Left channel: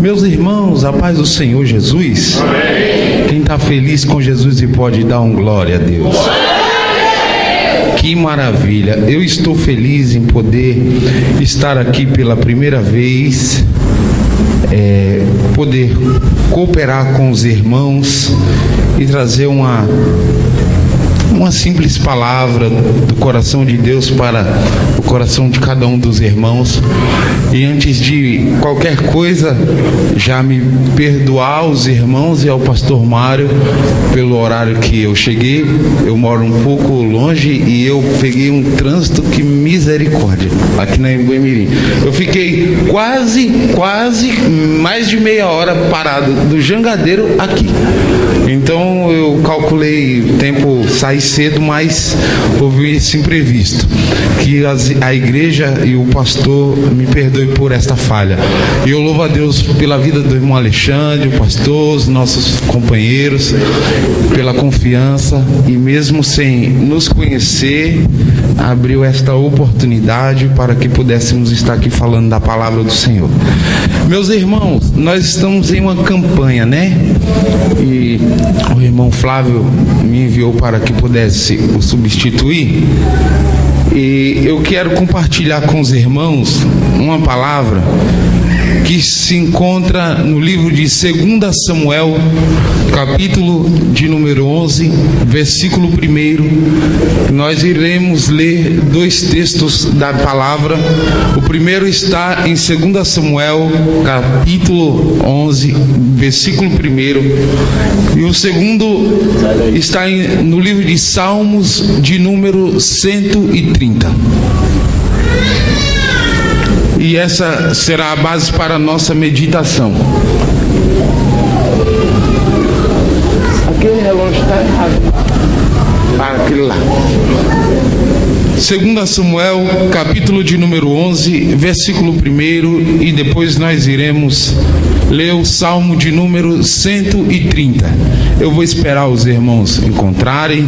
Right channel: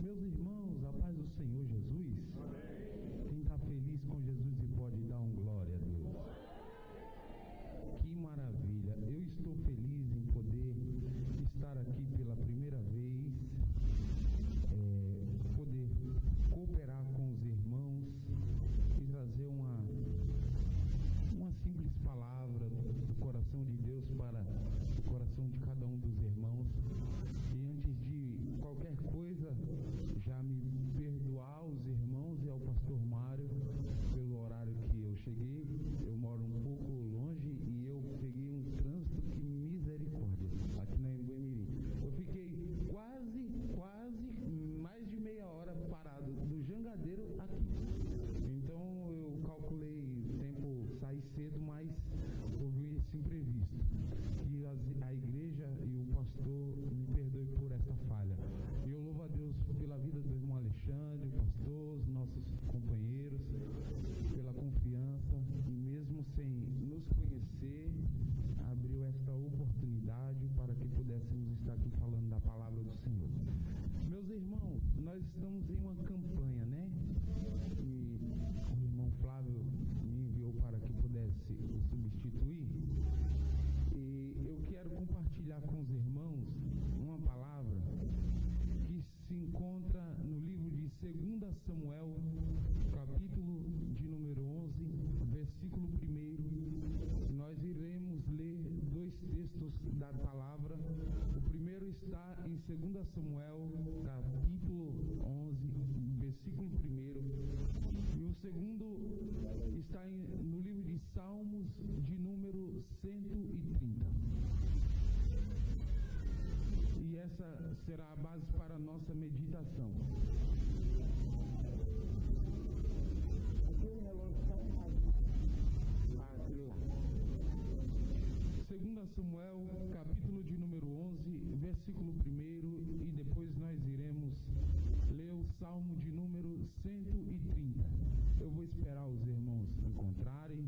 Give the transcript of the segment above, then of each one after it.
Meus irmãos, a paz do Senhor Jesus. Amém. Quem está feliz com Jesus e pode dar um glória a Deus. Que maravilha. Eu estou feliz em poder estar aqui pela primeira vez, poder cooperar com os irmãos e trazer uma simples palavra do coração de Deus para o coração de cada um dos irmãos. E antes de qualquer coisa, já me perdoar os irmãos e ao pastor Mário pelo horário que eu cheguei. Eu moro um pouco longe e eu peguei um trânsito que misericórdia aqui na Embu-Mirim. Eu fiquei quase mais de meia hora parado do Jangadeiro aqui. Então eu calculei o tempo sair cedo, mas houve esse imprevisto. Que a igreja e o pastor me perdoem por esta falha. E eu louvo a Deus pela vida do irmão Alexandre, o pastor, os nossos companheiros, pela confiança, e mesmo sem nos conhecer, abriu esta oportunidade para que pudéssemos estar aqui falando da palavra do Senhor. Meus irmãos, nós estamos em uma campanha, né? E o irmão Flávio me enviou para que pudesse o substituir. E eu quero compartilhar com os irmãos uma palavra que se encontra no livro de 2 Samuel, capítulo de número 11, versículo 1. Nós iremos ler dois textos da palavra. O primeiro está em 2 Samuel, capítulo 11, versículo 1. E o segundo está no livro de Salmos, de número 130. E essa será a base para a nossa meditação. Aquele relógio está errado. Para aquele lá. 2 Samuel, capítulo de número 11, versículo 1. E depois nós iremos ler o Salmo de número 130. Eu vou esperar os irmãos encontrarem,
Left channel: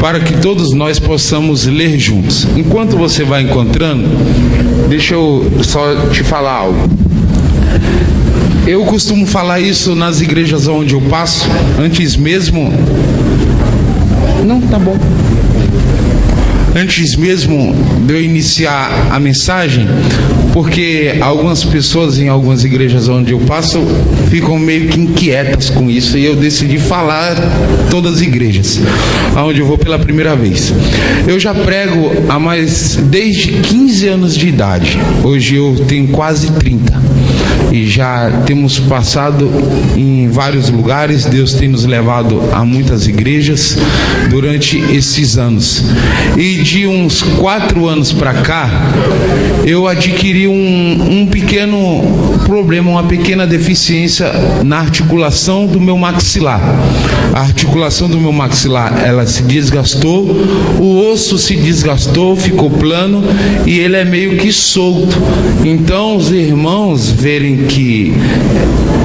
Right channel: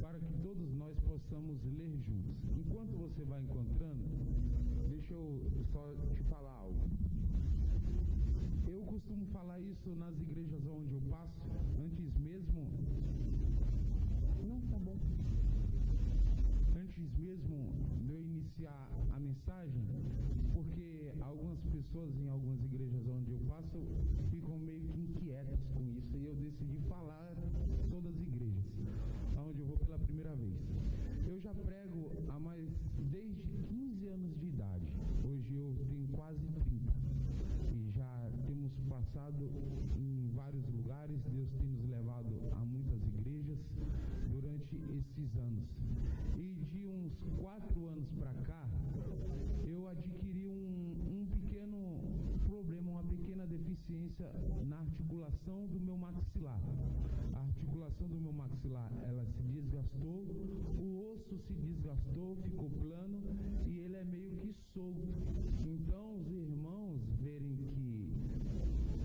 para que todos nós possamos ler juntos. Enquanto você vai encontrando, deixa eu só te falar algo. Eu costumo falar isso nas igrejas onde eu passo, antes mesmo... Não, tá bom. Antes mesmo de eu iniciar a mensagem, porque algumas pessoas em algumas igrejas onde eu passo ficam meio que inquietas com isso, e eu decidi falar todas as igrejas onde eu vou pela primeira vez. Eu já prego desde 15 anos de idade. Hoje eu tenho quase 30 e já temos passado em vários lugares. Deus tem nos levado a muitas igrejas durante esses anos. E de uns 4 anos para cá, eu adquiri um pequeno problema, uma pequena deficiência na articulação do meu maxilar. A articulação do meu maxilar, ela se desgastou, o osso se desgastou, ficou plano e ele é meio que solto. Então os irmãos verem que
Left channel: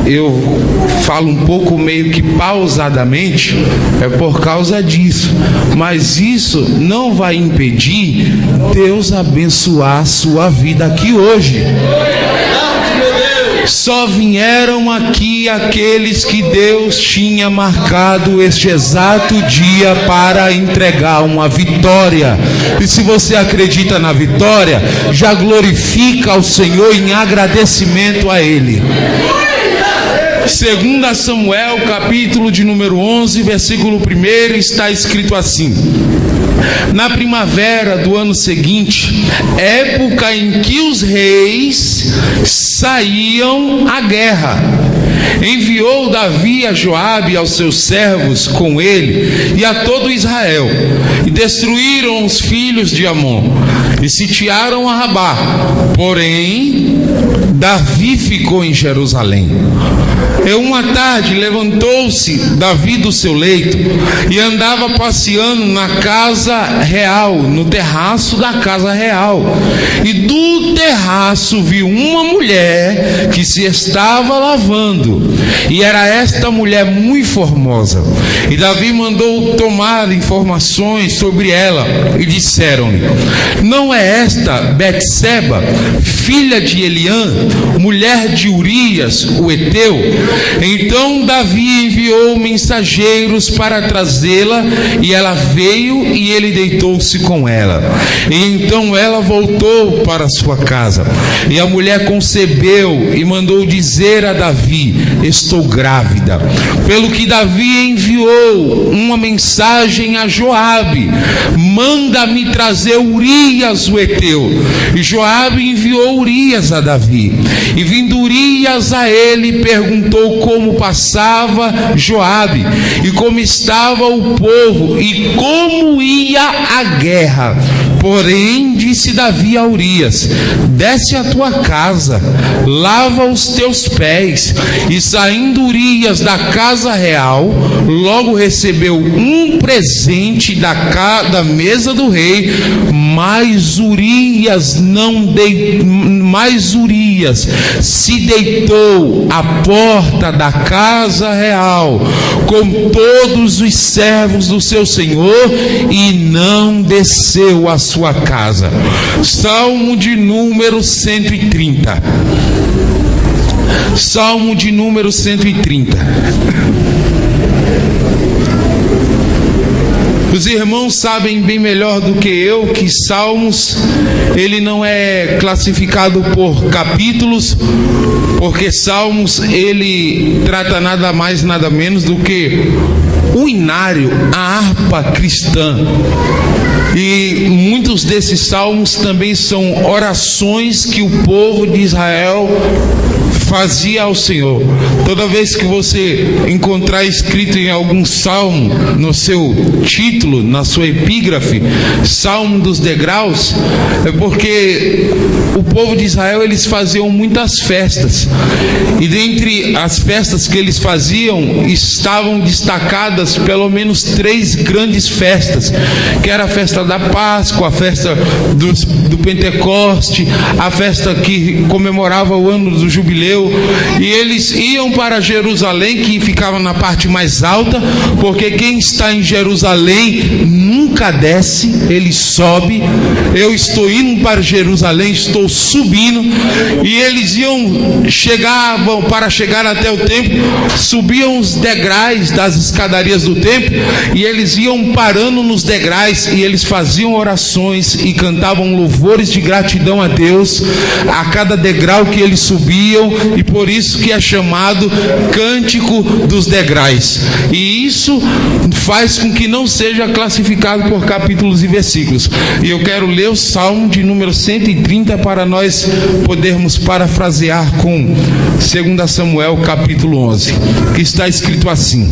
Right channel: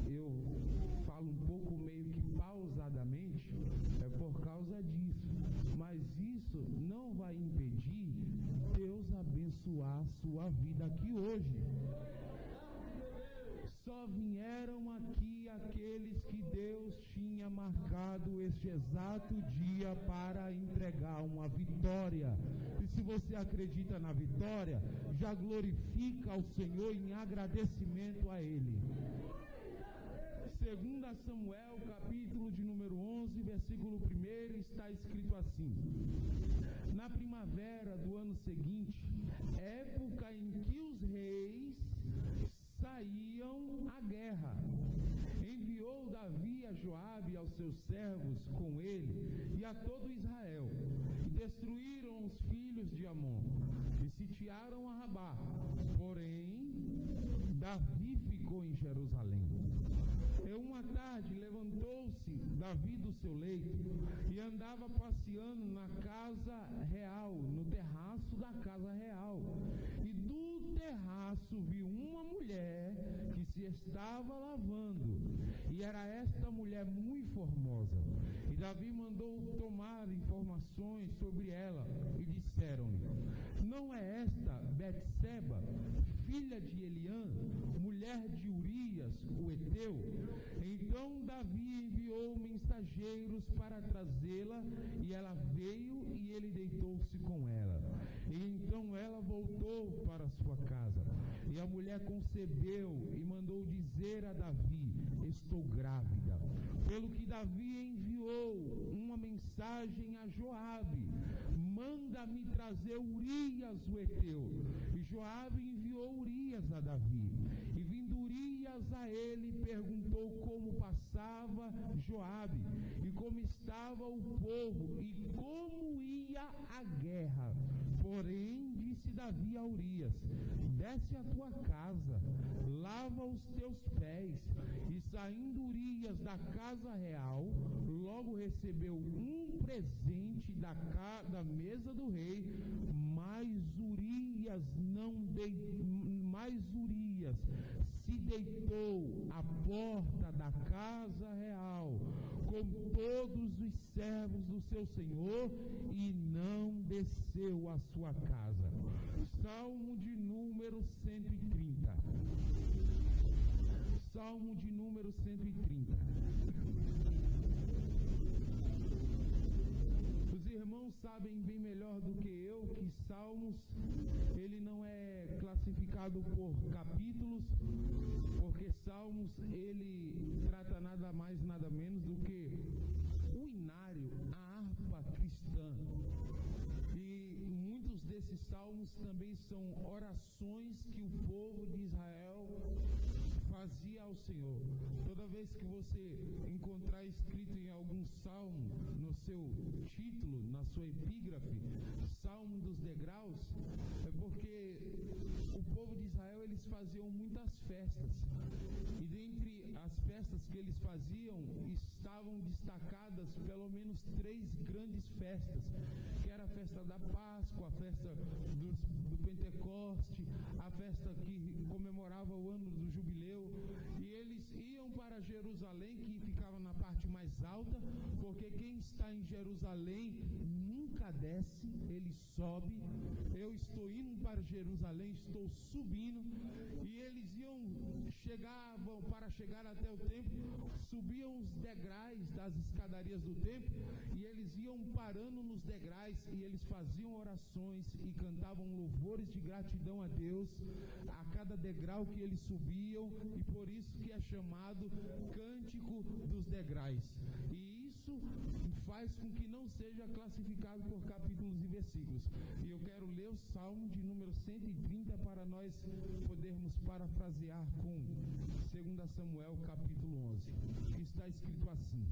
eu falo um pouco meio que pausadamente, é por causa disso. Mas isso não vai impedir Deus abençoar a sua vida aqui hoje. Só vieram aqui aqueles que Deus tinha marcado este exato dia para entregar uma vitória. E se você acredita na vitória, já glorifica ao Senhor em agradecimento a Ele. 2 Samuel, capítulo de número 11, versículo 1, está escrito assim: na primavera do ano seguinte, época em que os reis saíam à guerra, enviou Davi a Joabe e aos seus servos com ele e a todo Israel, e destruíram os filhos de Amon e sitiaram a Rabá. Porém, Davi ficou em Jerusalém. Uma tarde levantou-se Davi do seu leito e andava passeando na casa real, no terraço da casa real. E do terraço viu uma mulher que se estava lavando, e era esta mulher muito formosa. E Davi mandou tomar informações sobre ela, e disseram-lhe: não é esta Betseba, filha de Eliã, mulher de Urias, o heteu? Então Davi enviou mensageiros para trazê-la, e ela veio, e ele deitou-se com ela. E então ela voltou para sua casa, e a mulher concebeu e mandou dizer a Davi: estou grávida. Pelo que Davi enviou uma mensagem a Joabe: manda-me trazer Urias o heteu. E Joabe enviou Urias a Davi. E vindo Urias a ele, perguntou como passava Joabe, e como estava o povo, e como ia a guerra. Porém disse Davi a Urias: desce à tua casa, lava os teus pés. E saindo Urias da casa real, logo recebeu um presente da mesa do rei. Mas Urias se deitou à porta da casa real com todos os servos do seu senhor, e não desceu à sua casa. Salmo de número 130. Salmo de número 130. Os irmãos sabem bem melhor do que eu que Salmos, ele não é classificado por capítulos, porque Salmos, ele trata nada mais, nada menos do que o inário, a harpa cristã. E muitos desses salmos também são orações que o povo de Israel fazia ao Senhor. Toda vez que você encontrar escrito em algum salmo, no seu título, na sua epígrafe, Salmo dos Degraus, é porque o povo de Israel, eles faziam muitas festas, e dentre as festas que eles faziam, estavam destacadas pelo menos 3 grandes festas, que era a festa da Páscoa, a festa do Pentecoste, a festa que comemorava o ano do jubileu. E eles iam para Jerusalém, que ficava na parte mais alta, porque quem está em Jerusalém nunca desce, ele sobe. Eu estou indo para Jerusalém, estou subindo. E eles chegavam para chegar até o templo, subiam os degraus das escadarias do templo, e eles iam parando nos degraus, e eles faziam orações e cantavam louvores de gratidão a Deus a cada degrau que eles subiam. E por isso que é chamado Cântico dos Degraus. E isso faz com que não seja classificado por capítulos e versículos. E eu quero ler o Salmo de número 130 para nós podermos parafrasear com 2 Samuel capítulo 11, que está escrito assim:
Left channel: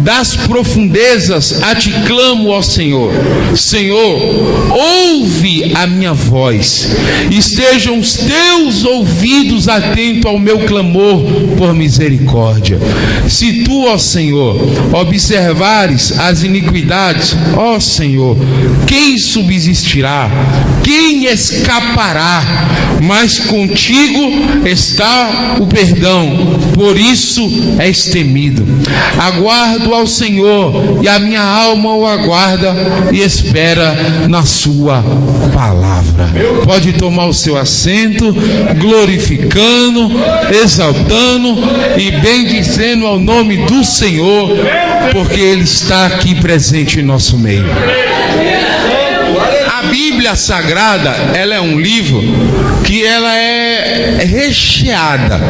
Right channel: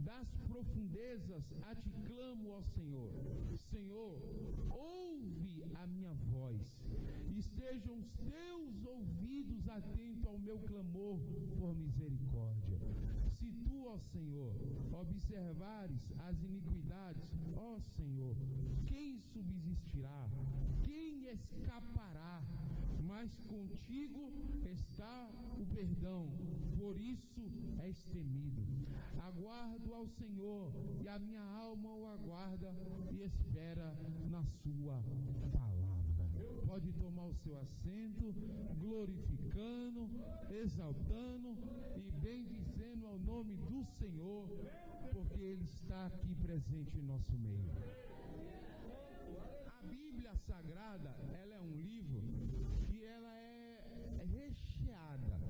das profundezas a ti clamo, ó Senhor. Senhor, ouve a minha voz. Estejam os teus ouvidos atentos ao meu clamor por misericórdia. Se tu, ó Senhor, observares as iniquidades, ó Senhor, quem subsistirá? Quem escapará? Mas contigo está o perdão, por isso és temido. Aguardo ao Senhor, e a minha alma o aguarda e espera na sua palavra. Pode tomar o seu assento, glorificando, exaltando e bendizendo ao nome do Senhor, porque Ele está aqui presente em nosso meio. A Bíblia Sagrada, ela é um livro que ela é recheada,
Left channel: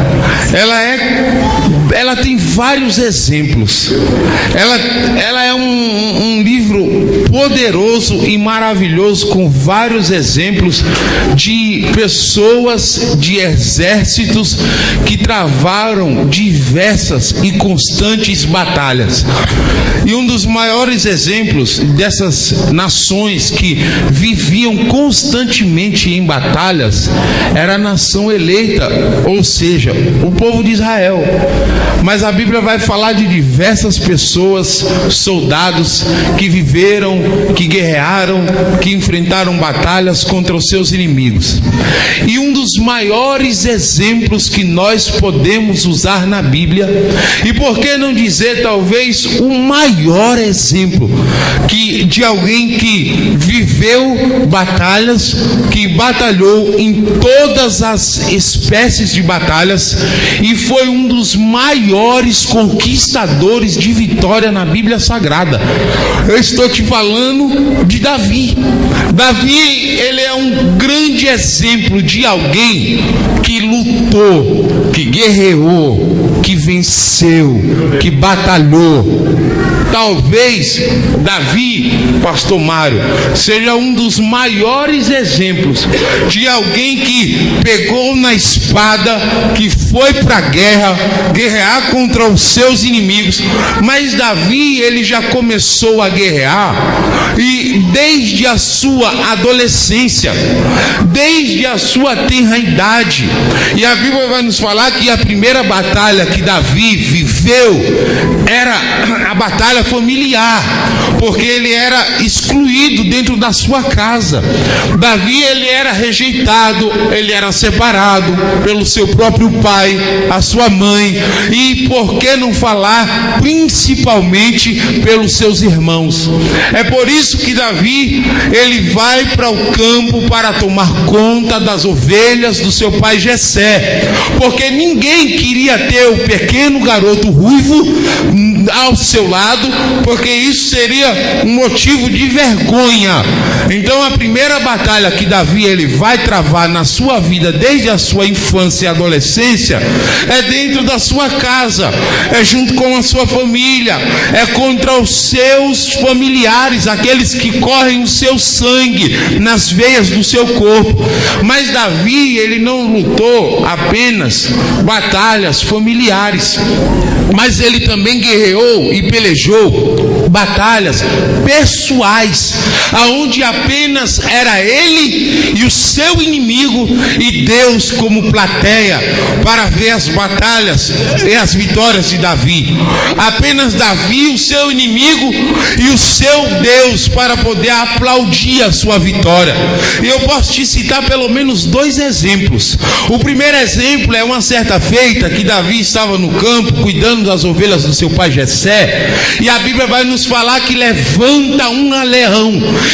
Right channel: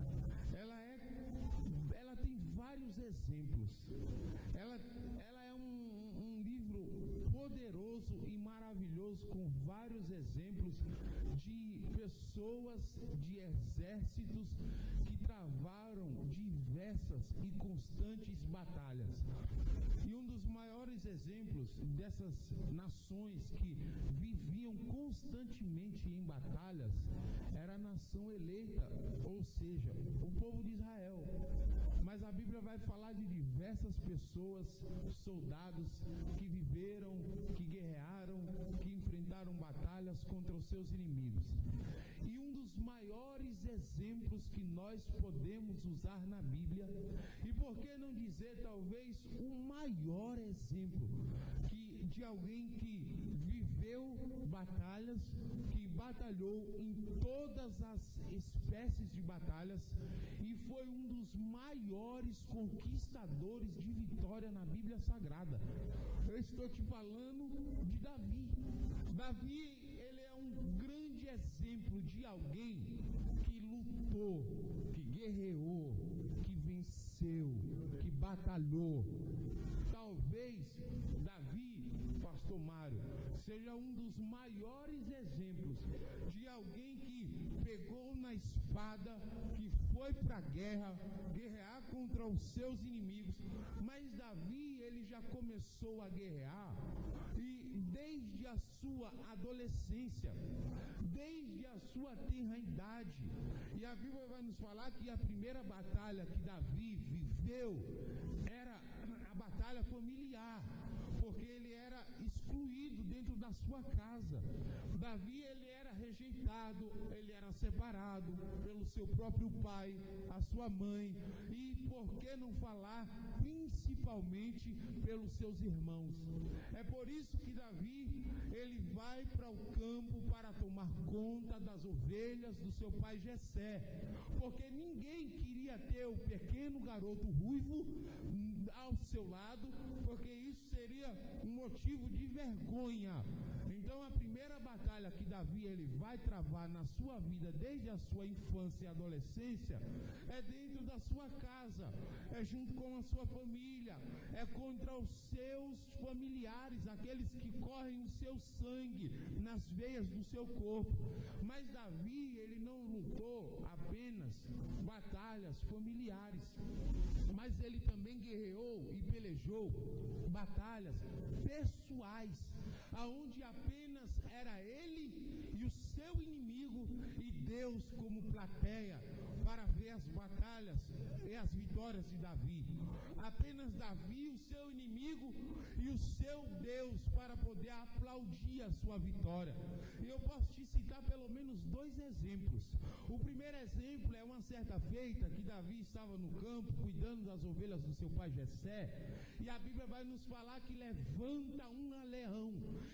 ela tem vários exemplos, ela é um livro poderoso e maravilhoso, com vários exemplos de pessoas, de exércitos que travaram diversas e constantes batalhas. E um dos maiores exemplos dessas nações que viviam constantemente em batalhas era a nação eleita, ou seja, o povo de Israel. Mas a Bíblia vai falar de diversas pessoas, soldados que viveram, que guerrearam, que enfrentaram batalhas contra os seus inimigos. E um dos maiores exemplos que nós podemos usar na Bíblia, e por que não dizer talvez o maior exemplo de alguém que viveu batalhas, que batalhou em todas as espécies de batalhas e foi um dos maiores conquistadores de vitória na Bíblia Sagrada. Eu estou te falando de Davi. Davi, ele é um grande exemplo de alguém que lutou, que guerreou, que venceu, que batalhou. Talvez Davi, pastor Mário, seja um dos maiores exemplos de alguém que pegou na espada, que foi para a guerra, guerrear contra os seus inimigos. Mas Davi, ele já começou a guerrear e desde a sua adolescência, desde a sua tenra idade. E a Bíblia vai nos falar que a primeira batalha que Davi viveu era a batalha familiar, porque ele era excluído dentro da sua casa. Davi, ele era rejeitado, ele era separado pelo seu próprio pai, a sua mãe, e por que não falar principalmente pelos seus irmãos. É por isso que Davi, ele vai para o campo para tomar conta das ovelhas do seu pai Jessé, porque ninguém queria ter o pequeno garoto ruivo ao seu lado, porque isso seria um motivo de vergonha. Então a primeira batalha que Davi ele vai travar na sua vida, desde a sua infância e adolescência, é dentro da sua casa, é junto com a sua família, é contra os seus familiares, aqueles que correm o seu sangue nas veias do seu corpo. Mas Davi, ele não lutou apenas batalhas familiares, mas ele também guerreou e pelejou batalhas pessoais, aonde apenas era ele e o seu inimigo e Deus como plateia para ver as batalhas e as vitórias de Davi. Apenas Davi, o seu inimigo e o seu Deus para poder aplaudir a sua vitória. E eu posso te citar pelo menos dois exemplos. O primeiro exemplo é uma certa feita que Davi estava no campo cuidando das ovelhas do seu pai Jessé, e a Bíblia vai nos falar que levanta um leão,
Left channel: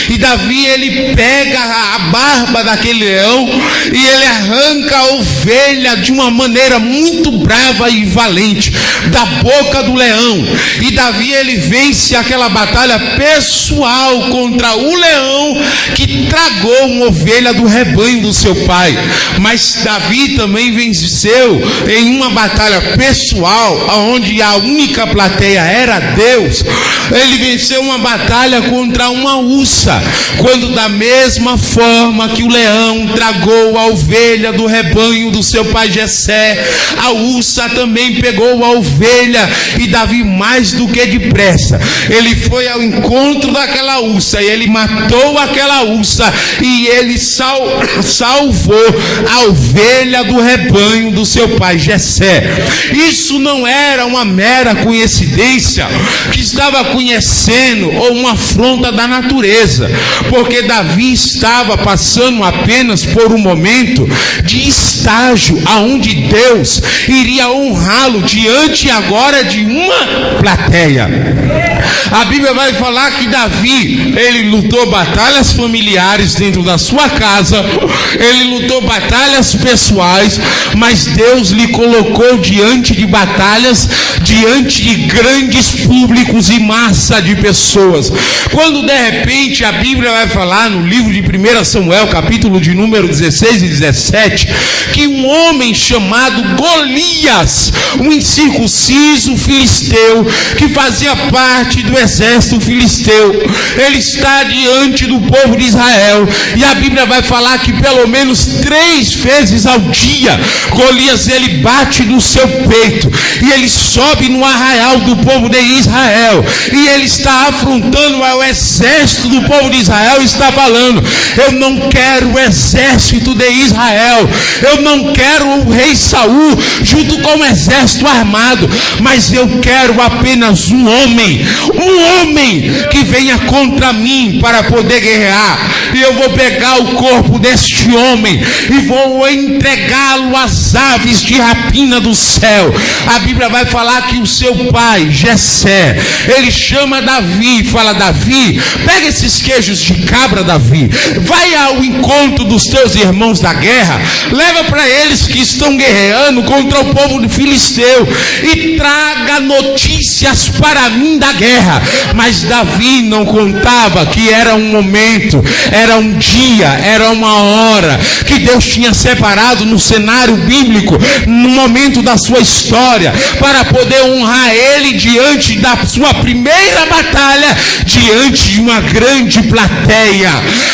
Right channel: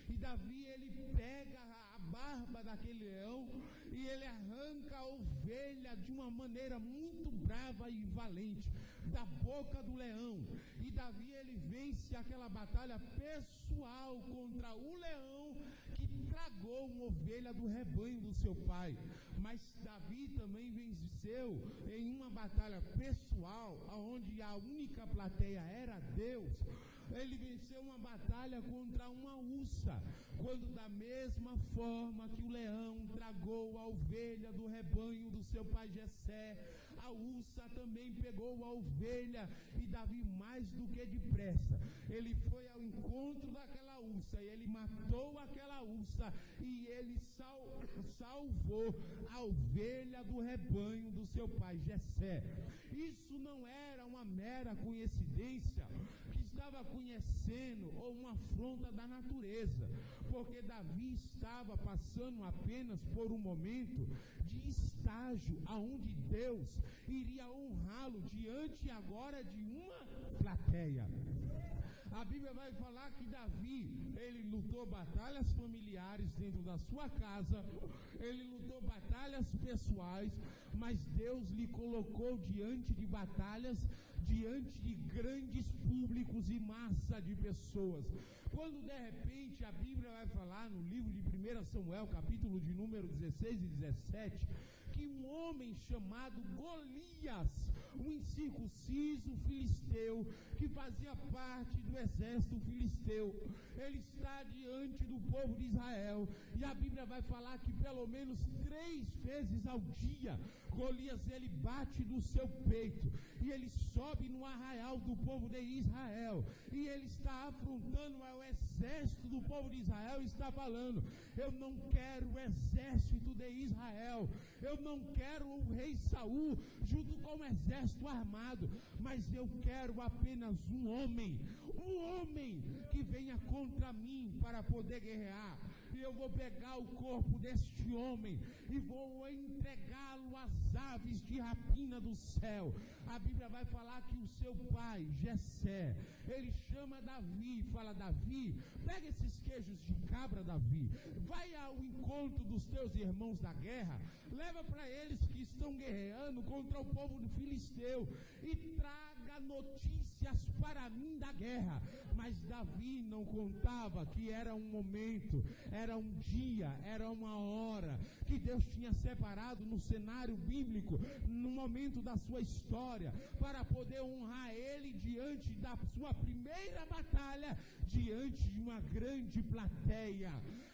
e Davi ele pega a barba daquele leão e ele arranca a ovelha de uma maneira muito brava e valente da boca do leão, e Davi ele vence aquela batalha pessoal contra o leão que tragou uma ovelha do rebanho do seu pai. Mas Davi também venceu em uma batalha pessoal, onde a única plateia era Deus. Ele venceu uma batalha contra uma ursa, quando da mesma forma que o leão tragou a ovelha do rebanho do seu pai Jessé, a ursa também pegou a ovelha, e Davi, mais do que depressa, ele foi ao encontro daquela ursa, e ele matou aquela ursa, e ele salvou a ovelha do rebanho do seu pai Jessé. Isso não era uma mera coincidência que estava conhecendo ou uma afronta da natureza, porque Davi estava passando apenas por um momento de estágio aonde Deus iria honrá-lo diante agora de uma plateia. A Bíblia vai falar que Davi ele lutou batalhas familiares, familiares, dentro da sua casa, ele lutou batalhas pessoais, mas Deus lhe colocou diante de batalhas, diante de grandes públicos e massa de pessoas. Quando de repente a Bíblia vai falar no livro de 1 Samuel, capítulo de número 16 e 17, que um homem chamado Golias, um incircunciso filisteu, que fazia parte do exército filisteu, ele está diante do povo de Israel, e a Bíblia vai falar que pelo menos 3 vezes ao dia, Golias ele bate no seu peito, e ele sobe no arraial do povo de Israel, e ele está afrontando ao exército do povo de Israel, e está falando: eu não quero o exército de Israel, eu não quero o rei Saul junto com o exército armado, mas eu quero apenas um homem que venha contra mim para poder guerrear, e eu vou pegar o corpo deste homem e vou entregá-lo às aves de rapina do céu. A Bíblia vai falar que o seu pai Jessé, ele chama Davi e fala: Davi, pega esses queijos de cabra, Davi, vai ao encontro dos teus irmãos da guerra, leva para eles que estão guerreando contra o povo do filisteu, e traga notícias para mim da guerra. Mas Davi não contava que era um momento, era um dia, era uma hora que Deus tinha separado no cenário bíblico, no momento da sua história, para poder honrar ele diante da sua primeira batalha, diante de uma grande plateia.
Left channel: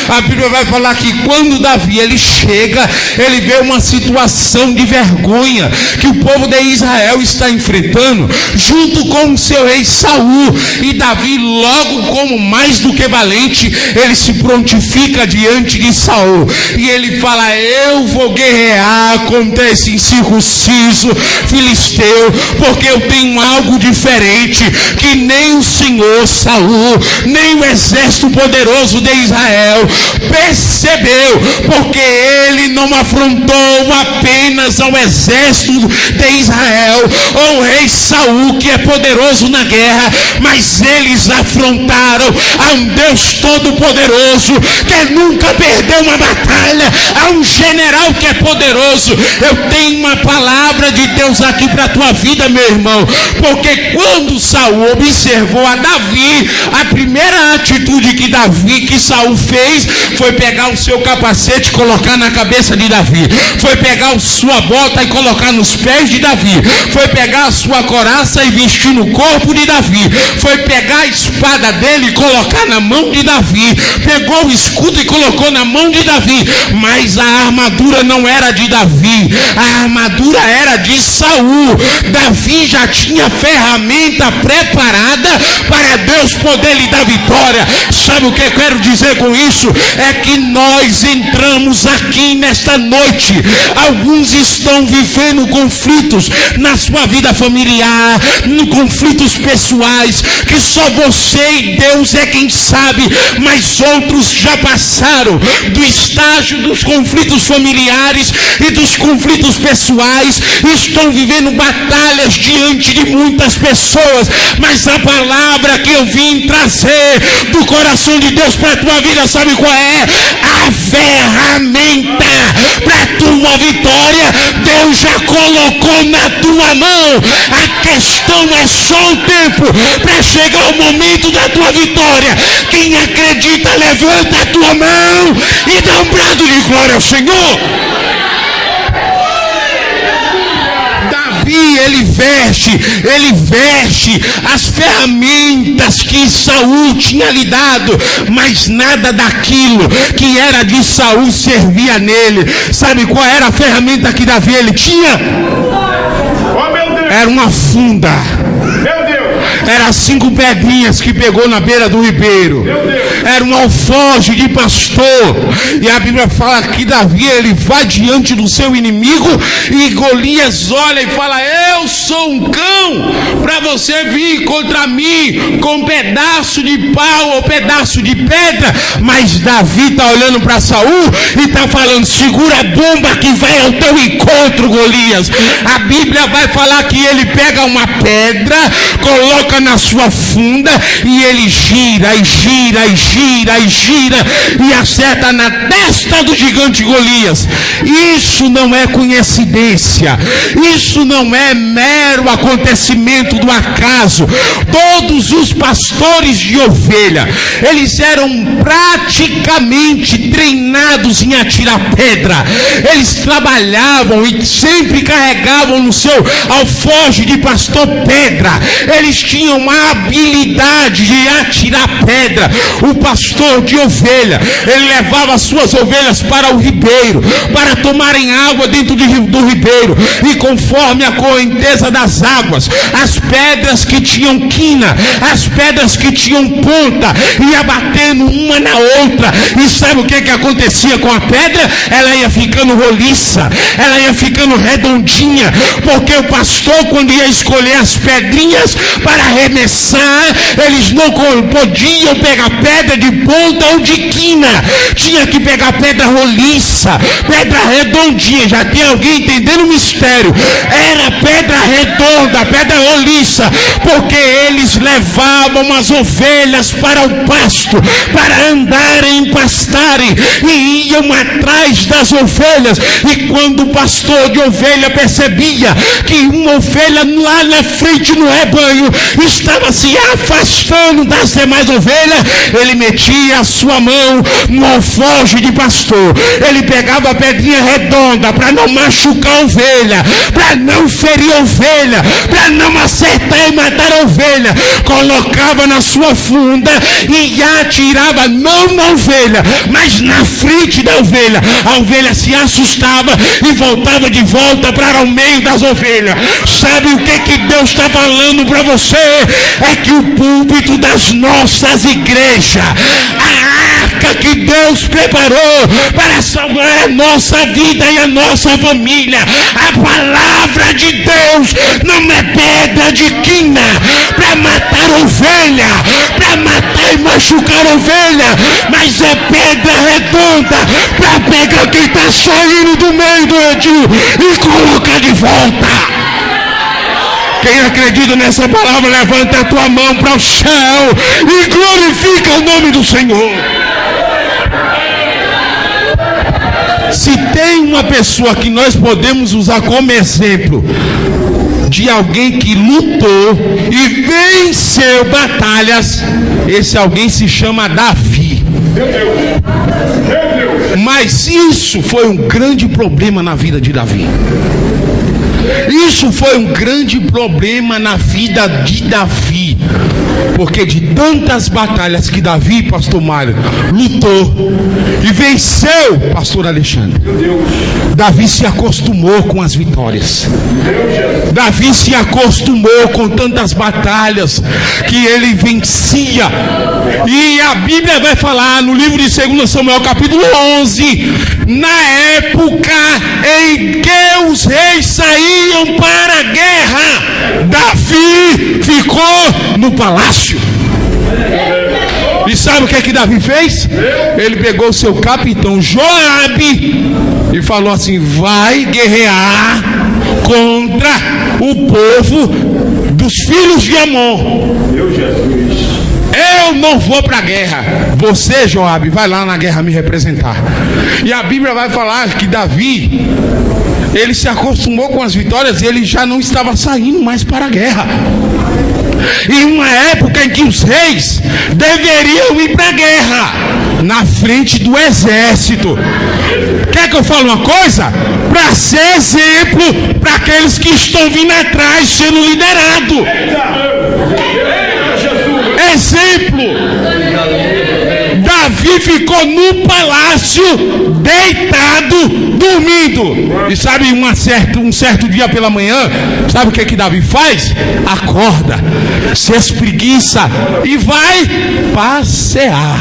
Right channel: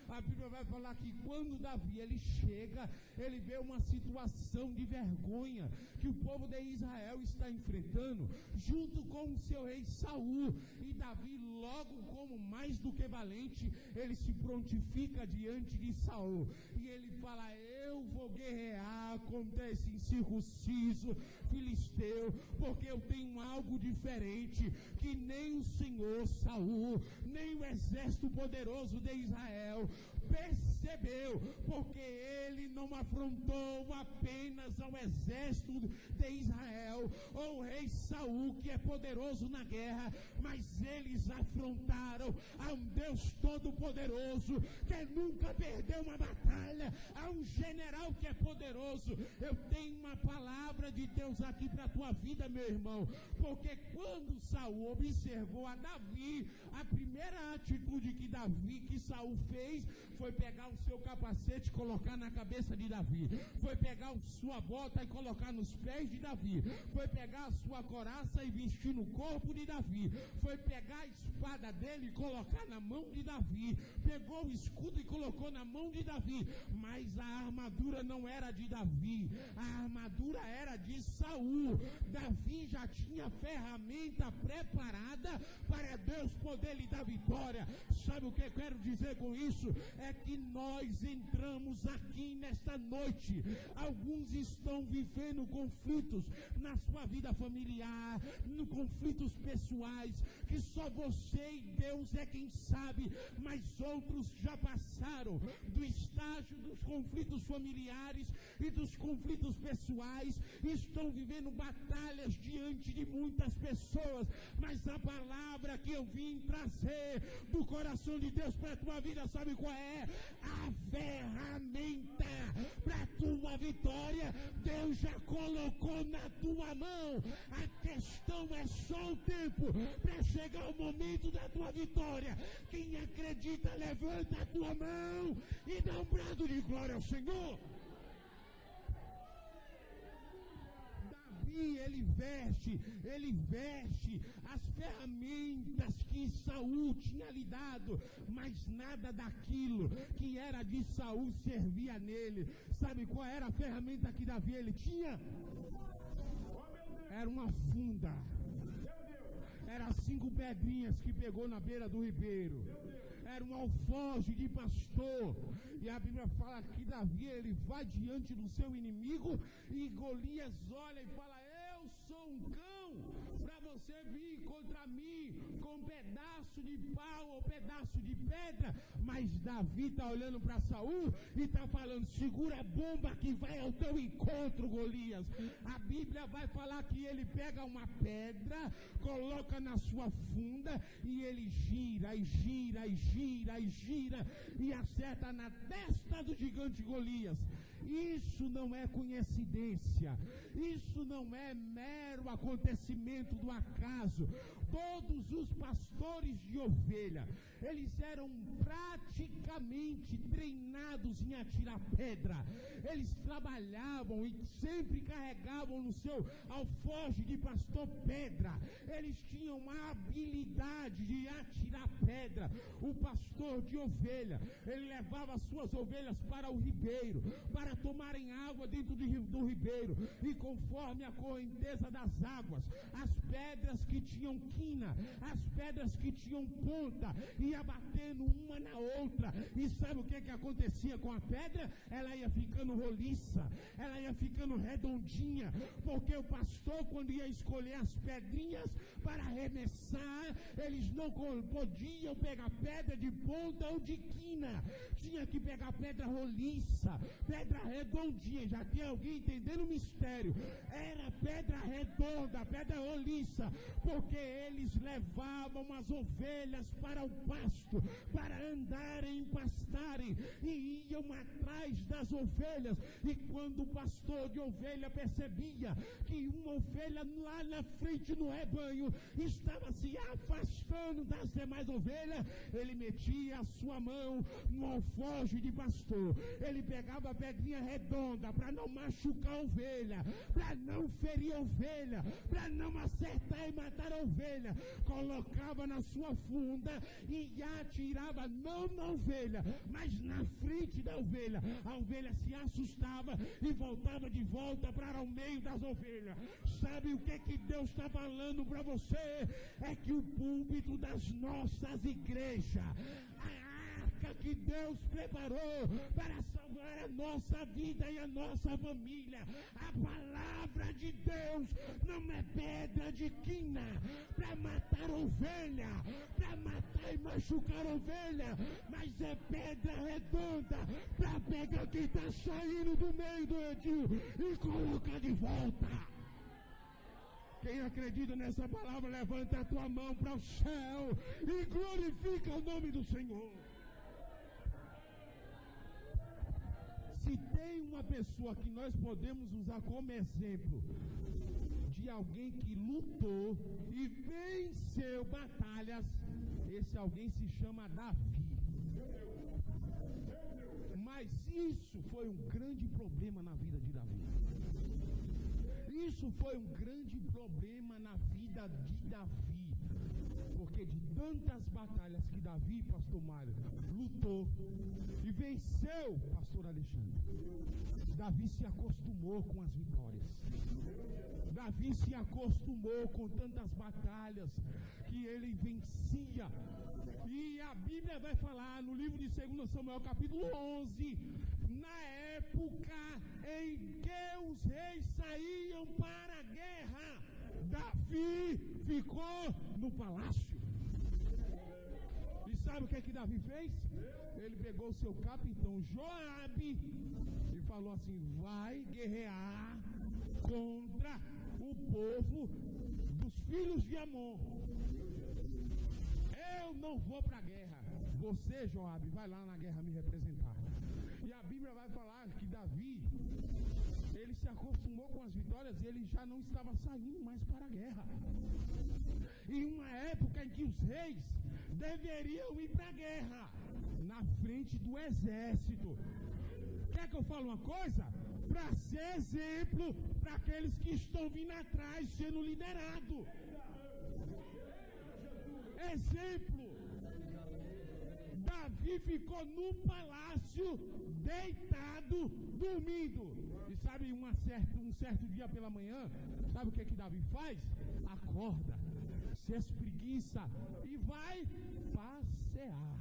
A Bíblia vai falar que quando Davi ele chega, ele vê uma situação de vergonha que o povo de Israel está enfrentando, junto com o seu rei Saul, e Davi, logo como mais do que valente, ele se prontifica diante de Saul, e ele fala: eu vou guerrear contra esse incircunciso filisteu, porque eu tenho algo diferente que nem o senhor Saul, nem o exército poderoso de Israel percebeu, porque ele não afrontou apenas ao exército de Israel ou o rei Saul, que é poderoso na guerra, mas eles afrontaram a um Deus todo-poderoso, que nunca perdeu uma batalha, a um general que é poderoso. Eu tenho uma palavra de Deus aqui para a tua vida, meu irmão, porque quando Saul observou a Davi, a primeira atitude que Saul fez foi pegar o seu capacete e colocar na cabeça de Davi, foi pegar a sua bota e colocar nos pés de Davi, foi pegar a sua couraça e vestir no corpo de Davi, foi pegar a espada dele e colocar na mão de Davi, pegou o escudo e colocou na mão de Davi, mas a armadura não era de Davi, a armadura era de Saul. Davi já tinha ferramenta preparada para Deus poder lhe dar vitória. Sabe o que eu quero dizer com isso? É que nós entramos aqui nesta noite, alguns estão vivendo conflitos na sua vida familiar, conflitos pessoais, que só você e Deus é quem sabe, mas outros já passaram do estágio dos conflitos familiares e dos conflitos pessoais, estão vivendo batalhas diante de muitas pessoas, mas a palavra que eu vim trazer do coração de Deus para a tua vida, sabe qual é? A ferramenta para a tua vitória Deus já colocou na tua mão. A questão é só o tempo para chegar o momento da tua vitória. Quem acredita, levanta a tua mão e dá um brado de glória ao Senhor. Ele veste as ferramentas que Saul tinha lhe dado, mas nada daquilo que era de Saul servia nele. Sabe qual era a ferramenta que Davi ele tinha? Era uma funda. Era 5 pedrinhas que pegou na beira do ribeiro. Era um alforje de pastor. E a Bíblia fala que Davi ele vai diante do seu inimigo, e Golias olha e fala: eu sou um cão para você vir contra mim com um pedaço de pau ou pedaço de pedra. Mas Davi está olhando para Saul e está falando: segura a bomba que vai ao teu encontro, Golias. A Bíblia vai falar que ele pega uma pedra, coloca coloca na sua funda e ele gira e gira e gira e gira e acerta na testa do gigante Golias. Isso não é coincidência, isso não é mero acontecimento do acaso. Todos os pastores de ovelha, eles eram praticamente treinados em atirar pedra. Eles trabalhavam e sempre carregavam no seu alforje de pastor pedra. Eles tinham a habilidade de atirar pedra. O pastor de ovelha, ele levava as suas ovelhas para o ribeiro, para tomarem água dentro do ribeiro, e conforme a correnteza das águas, as pedras que tinham quina, as pedras que tinham ponta, ia batendo uma na outra. E sabe o que acontecia com a pedra? Ela ia ficando roliça, ela ia ficando redondinha, porque o pastor, quando ia escolher as pedrinhas para arremessar, eles não podiam pegar pedra de ponta ou de quina, tinha que pegar pedra roliça, pedra redondinha. Já tem alguém entendendo o mistério? Era pedra redonda, pedra roliça, porque eles levavam as ovelhas para o pasto, para andarem e pastarem, e iam atrás das ovelhas. E quando o pastor de ovelha percebia que uma ovelha lá na frente no rebanho estava se afastando das demais ovelhas, ele metia a sua mão no alforje de pastor, ele pegava a pedrinha redonda para não machucar a ovelha, para não ferir a ovelha, para não acertar e matar a ovelha, colocava na sua funda e atirava não na ovelha, mas na frente da ovelha. A ovelha se assustava e voltava de volta para o meio das ovelhas. Sabe o que Deus está falando para você? É que o púlpito das nossas igrejas, a arca que Deus preparou para salvar a nossa vida e a nossa família, a palavra de Deus não é pedra de quina para matar ovelha, para matar e machucar ovelha, mas é pedra redonda para pegar quem está saindo do meio do redil e colocar de volta. Quem acredita nessa palavra, levanta a tua mão para o céu e glorifica o nome do Senhor. Se tem uma pessoa que nós podemos usar como exemplo de alguém que lutou e venceu batalhas, esse alguém se chama Davi. Mas isso foi um grande problema na vida de Davi. Isso foi um grande problema na vida de Davi, porque de tantas batalhas que Davi, pastor Mário, lutou e venceu, pastor Alexandre, Davi se acostumou com as vitórias. Davi se acostumou com tantas batalhas que ele vencia. E a Bíblia vai falar no livro de 2 Samuel capítulo 11, na época em que os reis saíam para a guerra, Davi ficou no palácio. E sabe o que é que Davi fez? Ele pegou o seu capitão Joabe e falou assim: vai guerrear contra o povo dos filhos de Amon. Eu não vou para a guerra. Você, Joabe, vai lá na guerra me representar. E a Bíblia vai falar que Davi, ele se acostumou com as vitórias e ele já não estava saindo mais para a guerra. Em uma época em que os reis deveriam ir para a guerra, na frente do exército. Quer que eu fale uma coisa? Para ser exemplo para aqueles que estão vindo atrás sendo liderados. Exemplo. Davi ficou no palácio, deitado, dormindo. E sabe, um certo dia pela manhã, sabe o que Davi faz? Acorda, se espreguiça e vai passear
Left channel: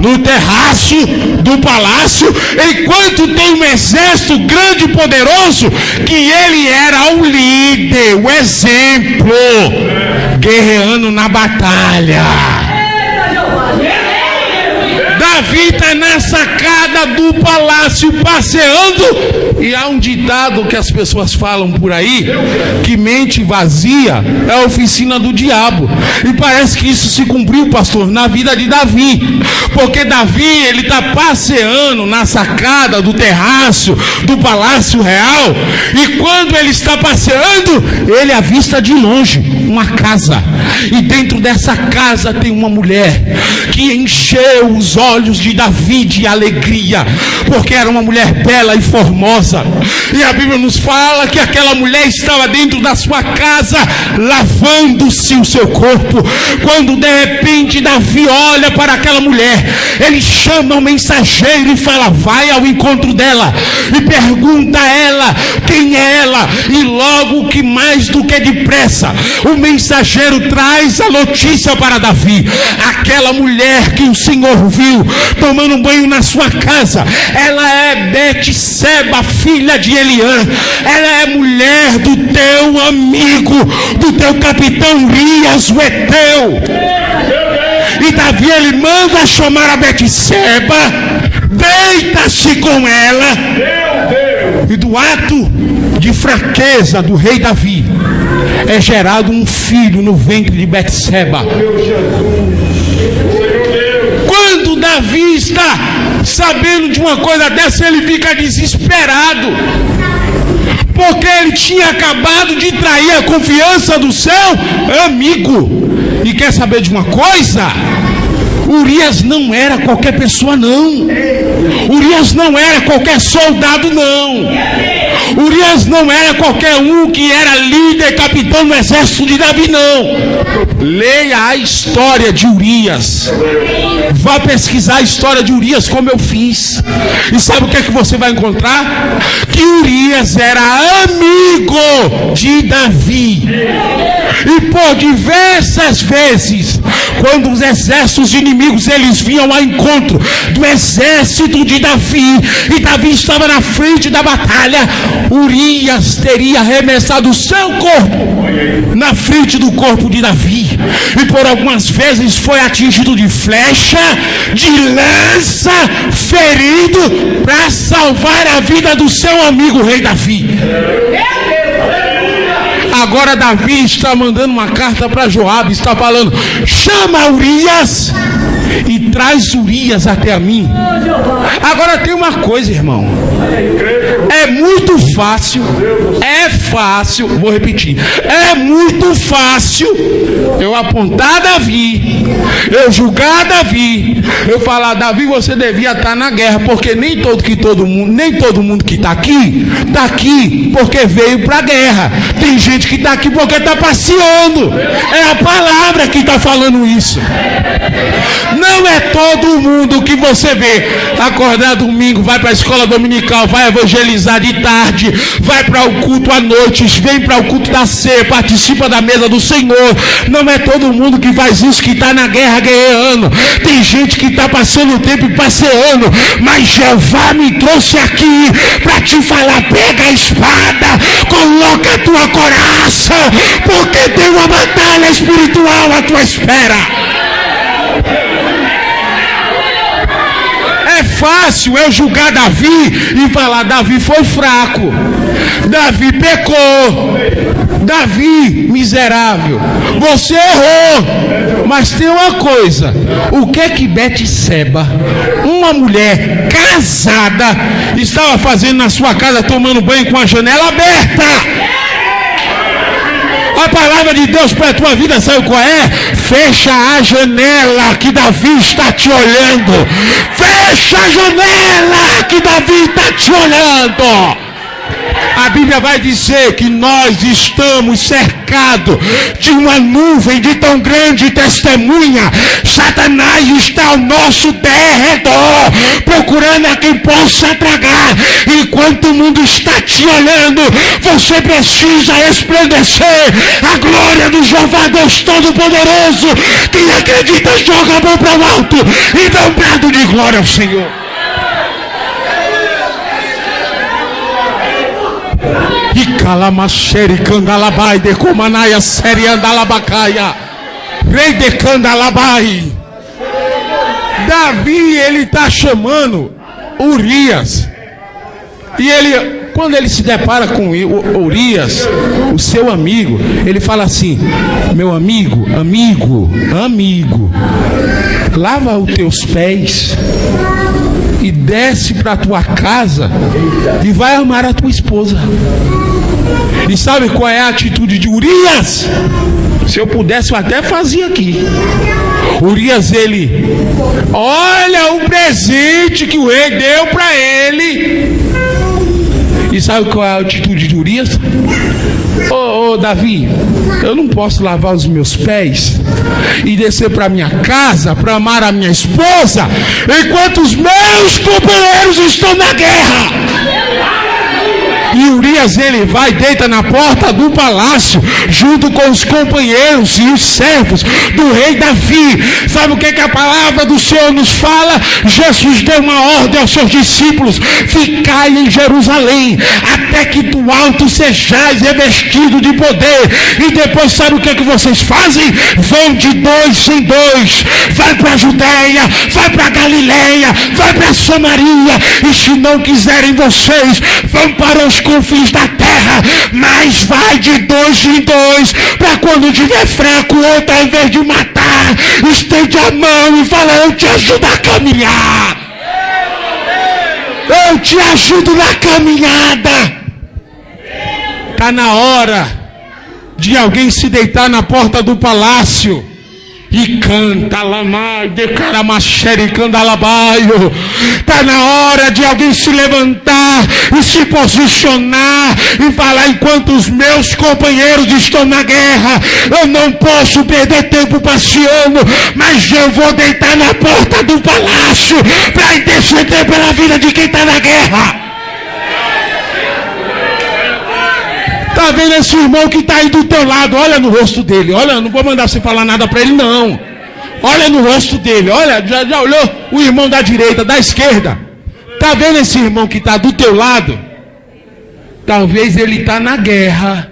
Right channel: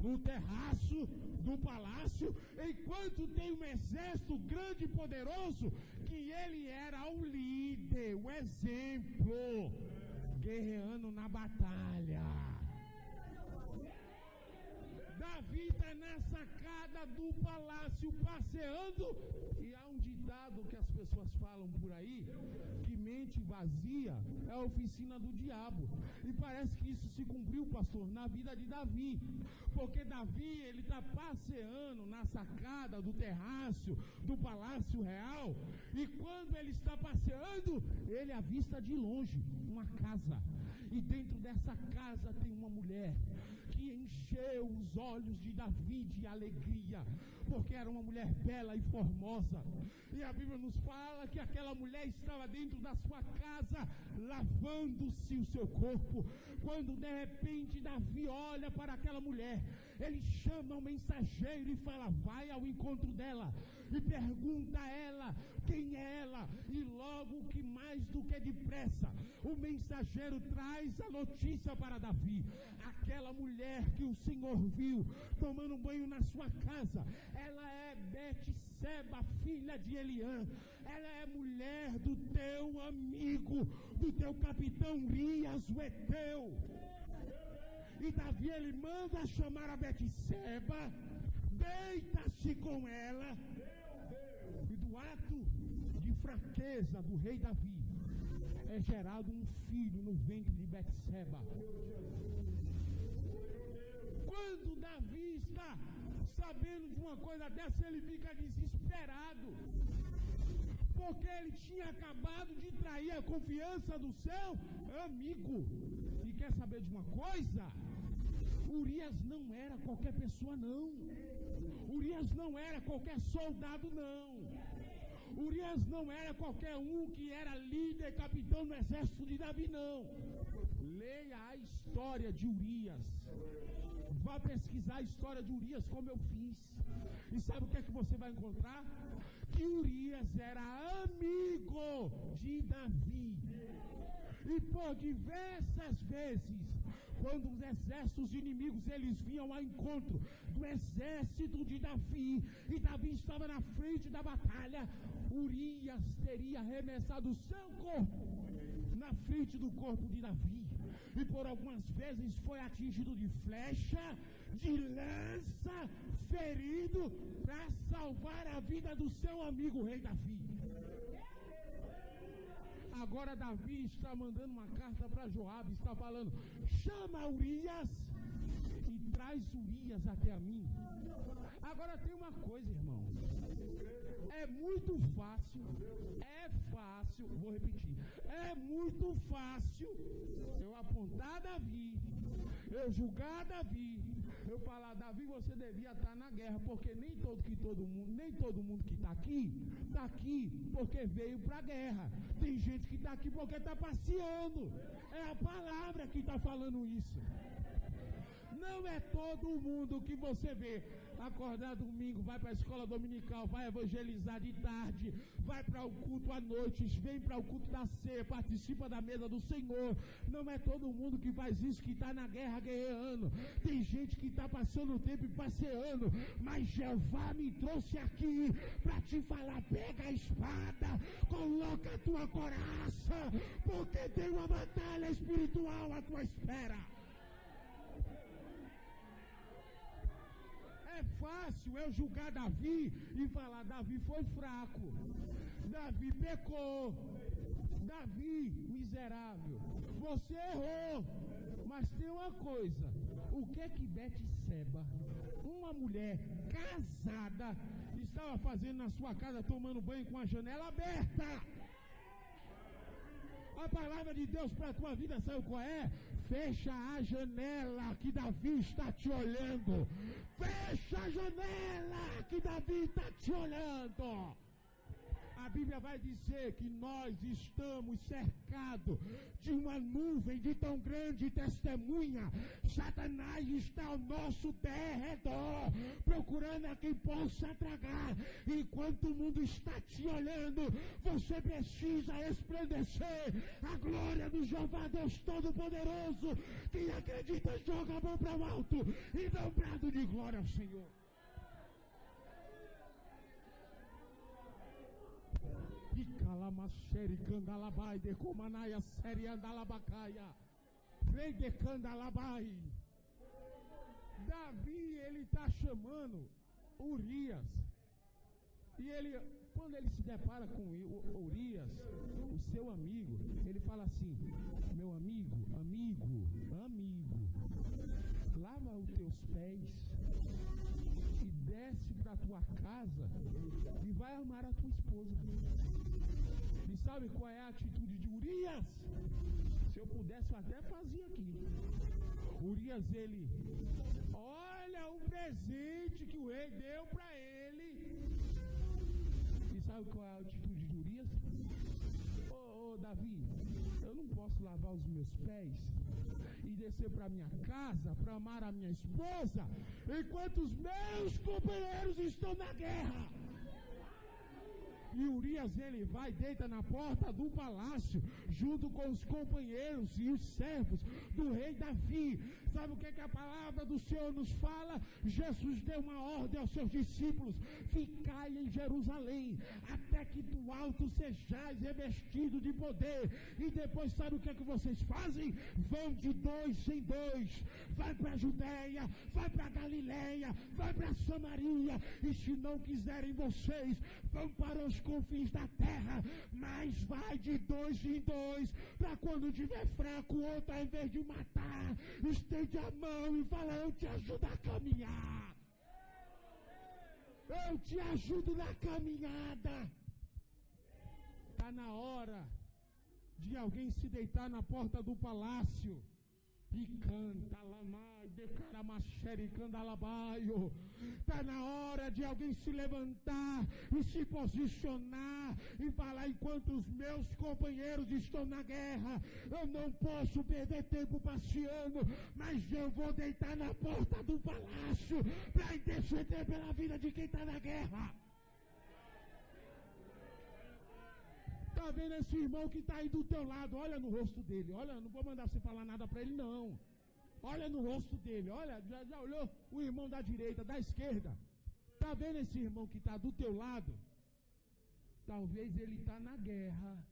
no terraço do palácio, enquanto tem um exército grande e poderoso, que ele era o líder, o exemplo, guerreando na batalha. Davi está na sacada do palácio passeando E há um ditado que as pessoas falam por aí, que mente vazia é a oficina do diabo. E parece que isso se cumpriu, pastor, na vida de Davi. Porque Davi, ele está passeando na sacada do terraço do palácio real. E quando ele está passeando, ele avista de longe uma casa. E dentro dessa casa tem uma mulher que encheu os olhos de Davi de alegria, porque era uma mulher bela e formosa. E a Bíblia nos fala que aquela mulher estava dentro da sua casa lavando-se o seu corpo. Quando de repente Davi olha para aquela mulher, ele chama o mensageiro e fala: vai ao encontro dela e pergunta a ela quem é ela. E logo que mais do que depressa, o mensageiro traz a notícia para Davi: aquela mulher que o Senhor viu tomando banho na sua casa, ela é Betseba, filha de Eliã. Ela é mulher do teu amigo, do teu capitão Urias, o Eteu. E Davi, ele manda chamar a Betseba, deita-se com ela. E do ato de fraqueza do rei Davi é gerado um filho no ventre de Betseba. Quando Davi está sabendo de uma coisa dessa, ele fica desesperado, porque ele tinha acabado de trair a confiança do seu amigo. E quer saber de uma coisa? Urias não era qualquer pessoa, não. Urias não era qualquer soldado, não. Urias não era qualquer um que era líder, capitão do exército de Davi, não. Leia a história de Urias. Vá pesquisar a história de Urias, como eu fiz. E sabe o que é que você vai encontrar? Que Urias era amigo de Davi. E por diversas vezes, quando os exércitos inimigos eles vinham ao encontro do exército de Davi, e Davi estava na frente da batalha, Urias teria arremessado o seu corpo na frente do corpo de Davi, e por algumas vezes foi atingido de flecha, de lança, ferido, para salvar a vida do seu amigo rei Davi. Agora Davi está mandando uma carta para Joabe, está falando: chama Urias e traz Urias até a mim. Agora tem uma coisa, irmão, é muito fácil, vou repetir, é muito fácil eu apontar Davi, eu julgar Davi, eu falar: Davi, você devia estar na guerra, porque nem todo mundo que está aqui porque veio para a guerra. Tem gente que está aqui porque está passeando. É a palavra que está falando isso. Não é todo mundo que você vê acordar domingo, vai para a escola dominical, vai evangelizar de tarde, vai para o culto à noite, vem para o culto da ceia, participa da mesa do Senhor. Não é todo mundo que faz isso, que está na guerra guerreando. Tem gente que está passando o tempo e passeando, mas Jeová me trouxe aqui para te falar: pega a espada, coloca a tua coraça, porque tem uma batalha espiritual à tua espera. É fácil eu julgar Davi e falar: Davi foi fraco, Davi pecou, Davi miserável, você errou. Mas tem uma coisa: o que é que Betseba, uma mulher casada, estava fazendo na sua casa, tomando banho com a janela aberta? A palavra de Deus para a tua vida, sabe qual é? Fecha a janela, que Davi está te olhando. Fecha a janela, que Davi está te olhando. A Bíblia vai dizer que nós estamos cercados de uma nuvem de tão grande testemunha. Satanás está ao nosso derredor, procurando a quem possa tragar. Enquanto o mundo está te olhando, você precisa resplandecer a glória do Jeová Deus Todo-Poderoso. Quem acredita, joga a mão para o alto e dá um brado de glória ao Senhor. E calamacheri candalabai de comanaia seri andalabacaia rei de candalabai. Davi, ele está chamando Urias, e ele, Quando ele se depara com Urias, o seu amigo, ele fala assim: meu amigo, lava os teus pés e desce para a tua casa e vai amar a tua esposa. E sabe qual é a atitude de Urias? Se eu pudesse, eu até fazia aqui. Urias, ele: olha o presente que o rei deu para ele. E sabe qual é a atitude de Urias? Ô Davi, eu não posso lavar os meus pés e descer para minha casa para amar a minha esposa enquanto os meus companheiros estão na guerra. E Urias, ele vai e deita na porta do palácio junto com os companheiros e os servos do rei Davi. Sabe o que a palavra do Senhor nos fala? Jesus deu uma ordem aos seus discípulos: ficai em Jerusalém até que do alto sejais revestido de poder. E depois sabe o que vocês fazem? Vão de 2 em 2, vai para a Judeia, vai para a Galileia, vai para Samaria, e se não quiserem vocês, vão para os confins da terra, mas vai de 2 em 2, para quando tiver fraco, outro, ao invés de matar, estende a mão e fala: eu te ajudo a caminhar, eu te ajudo na caminhada. Está na hora de alguém se deitar na porta do palácio e canta lamai de caramacheri candalabaio. Está na hora de alguém se levantar e se posicionar e falar: enquanto os meus companheiros estão na guerra, eu não posso perder tempo passeando, mas eu vou deitar na porta do palácio para interceder pela vida de quem está na guerra. Está vendo esse irmão que está aí do teu lado? Olha no rosto dele. Olha, não vou mandar você falar nada para ele, não. Olha no rosto dele. Olha, já olhou o irmão da direita, da esquerda? Está vendo esse irmão que está do teu lado? Talvez ele está na guerra,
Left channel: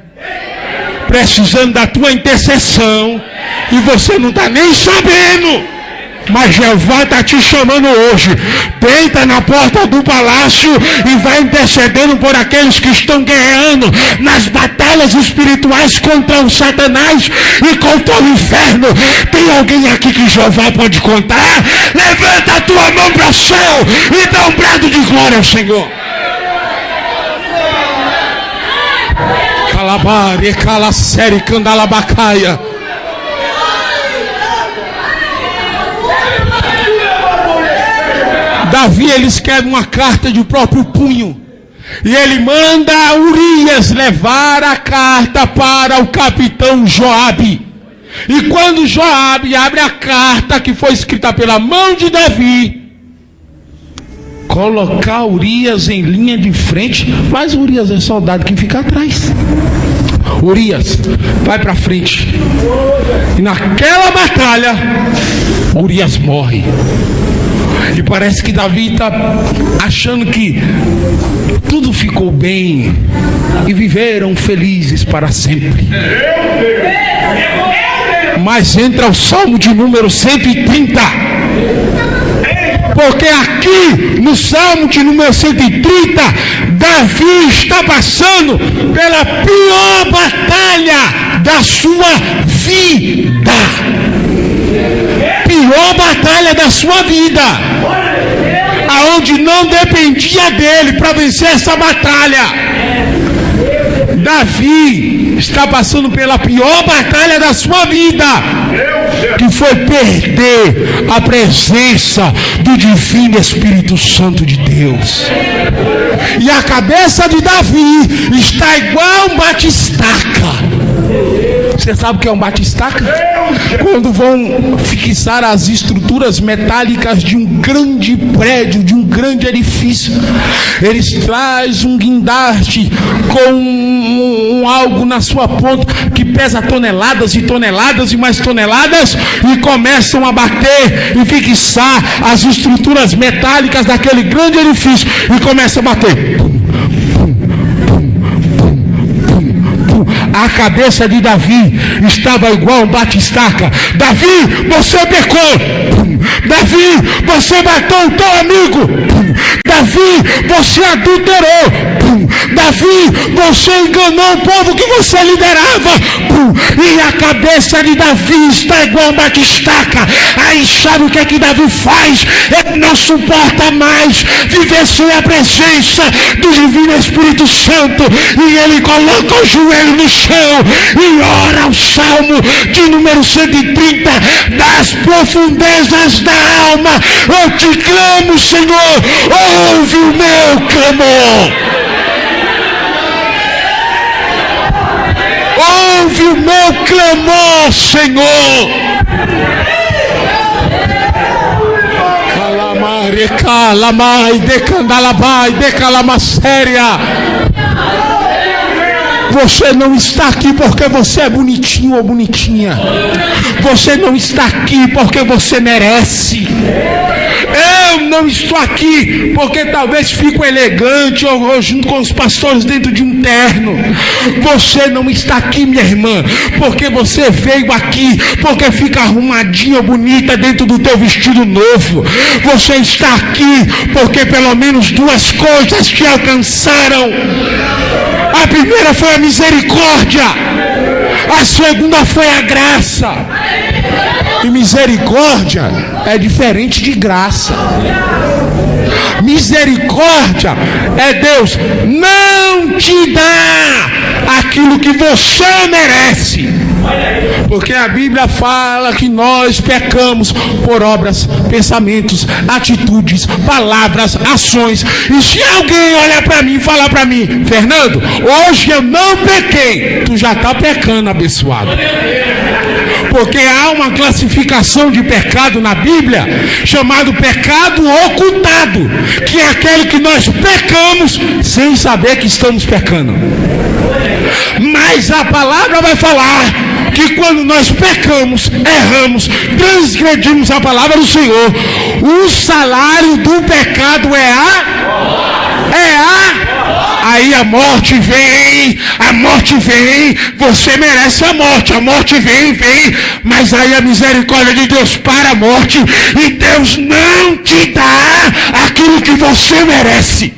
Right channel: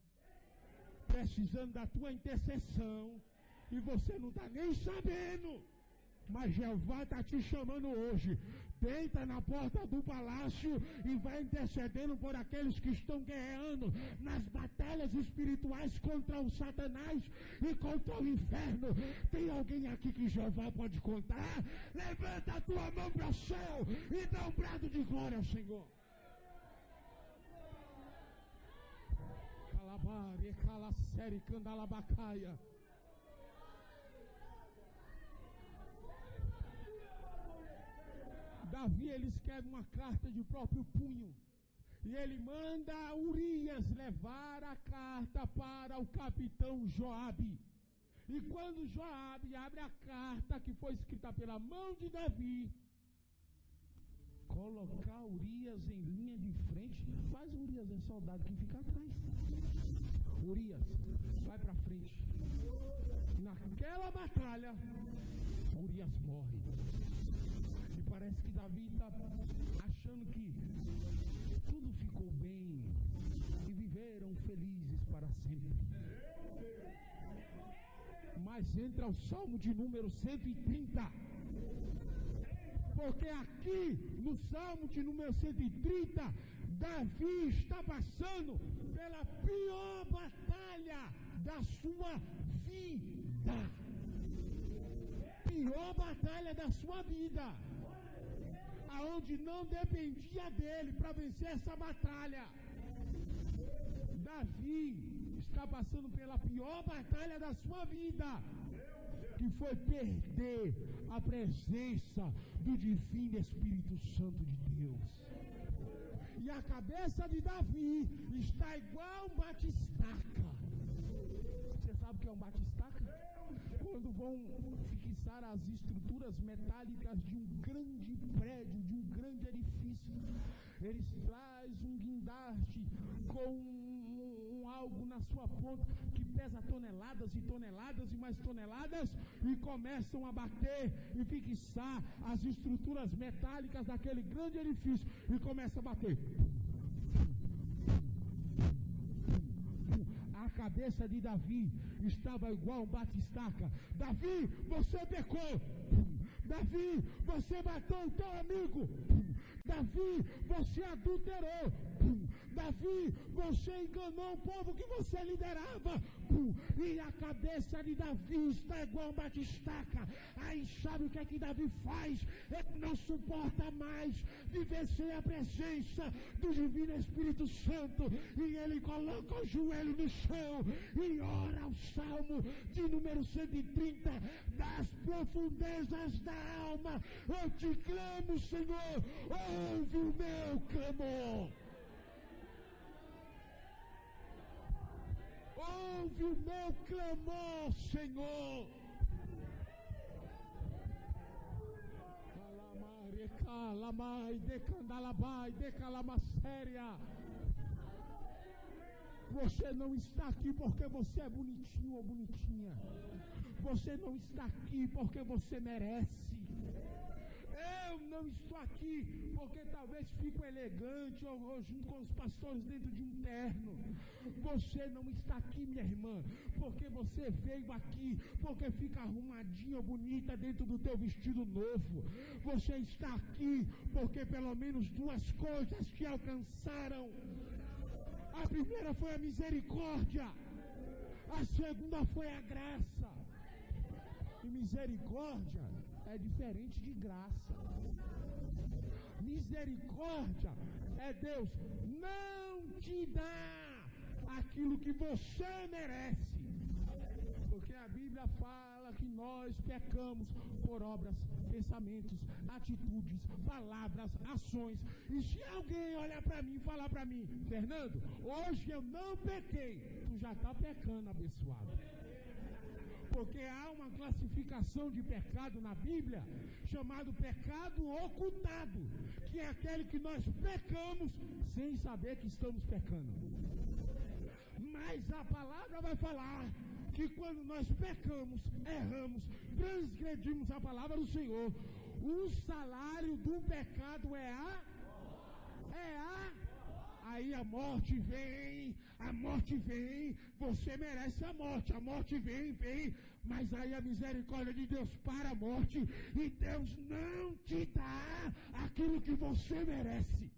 precisando da tua intercessão, e você não está nem sabendo. Mas Jeová está te chamando hoje. Deita na porta do palácio e vai intercedendo por aqueles que estão guerreando nas batalhas espirituais contra o Satanás e contra o inferno. Tem alguém aqui que Jeová pode contar? Levanta a tua mão para o céu e dá um brado de glória ao Senhor. Calabare, calacere, candalabacaia. Davi, ele escreve uma carta de próprio punho, e ele manda Urias levar a carta para o capitão Joabe. E quando Joabe abre a carta que foi escrita pela mão de Davi, colocar Urias em linha de frente, mas Urias é soldado que fica atrás. Urias vai para frente, e naquela batalha Urias morre. E parece que Davi está achando que tudo ficou bem e viveram felizes para sempre. Mas entra o Salmo de número 130. Porque aqui no Salmo de número 130, Davi está passando pela pior batalha da sua vida. Pior batalha da sua vida, aonde não dependia dele para vencer essa batalha. Davi está passando pela pior batalha da sua vida, que foi perder a presença do divino Espírito Santo de Deus. E a cabeça de Davi está igual um batistaca. Você sabe o que é um batistaca? Quando vão fixar as estruturas metálicas de um grande prédio, de um grande edifício, eles trazem um guindaste com algo na sua ponta que pesa toneladas e toneladas e mais toneladas, e começam a bater e fixar as estruturas metálicas daquele grande edifício, e começam a bater. A cabeça de Davi estava igual um batistaca. Davi, você pecou. Davi, você matou o teu amigo. Davi, você adulterou. Davi, você enganou o povo que você liderava. E a cabeça de Davi está igual uma estaca. Aí sabe o que é que Davi faz? Ele não suporta mais viver sem a presença do Divino Espírito Santo. E ele coloca o joelho no chão e ora o Salmo de número 130. Das profundezas da alma eu te clamo, Senhor, ouve o meu clamor. Ouve o meu clamor, Senhor. Calamare, calamai, decandalabai, decalamasséria. Você não está aqui porque você é bonitinho ou bonitinha. Você não está aqui porque você merece. Eu não estou aqui porque talvez fico elegante ou junto com os pastores dentro de um terno. Você não está aqui, minha irmã, porque você veio aqui porque fica arrumadinha ou bonita dentro do teu vestido novo. Você está aqui porque pelo menos duas coisas te alcançaram. A primeira foi a misericórdia, a segunda foi a graça. E misericórdia é diferente de graça. Misericórdia é Deus não te dá aquilo que você merece. Porque a Bíblia fala que nós pecamos por obras, pensamentos, atitudes, palavras, ações. E se alguém olhar para mim e falar para mim: Fernando, hoje eu não pequei, tu já está pecando, abençoado. Porque há uma classificação de pecado na Bíblia chamado pecado ocultado, que é aquele que nós pecamos sem saber que estamos pecando. Mas a palavra vai falar que quando nós pecamos, erramos, transgredimos a palavra do Senhor, o salário do pecado aí a morte vem, você merece a morte vem, mas aí a misericórdia de Deus para a morte, e Deus não te dá aquilo que você merece,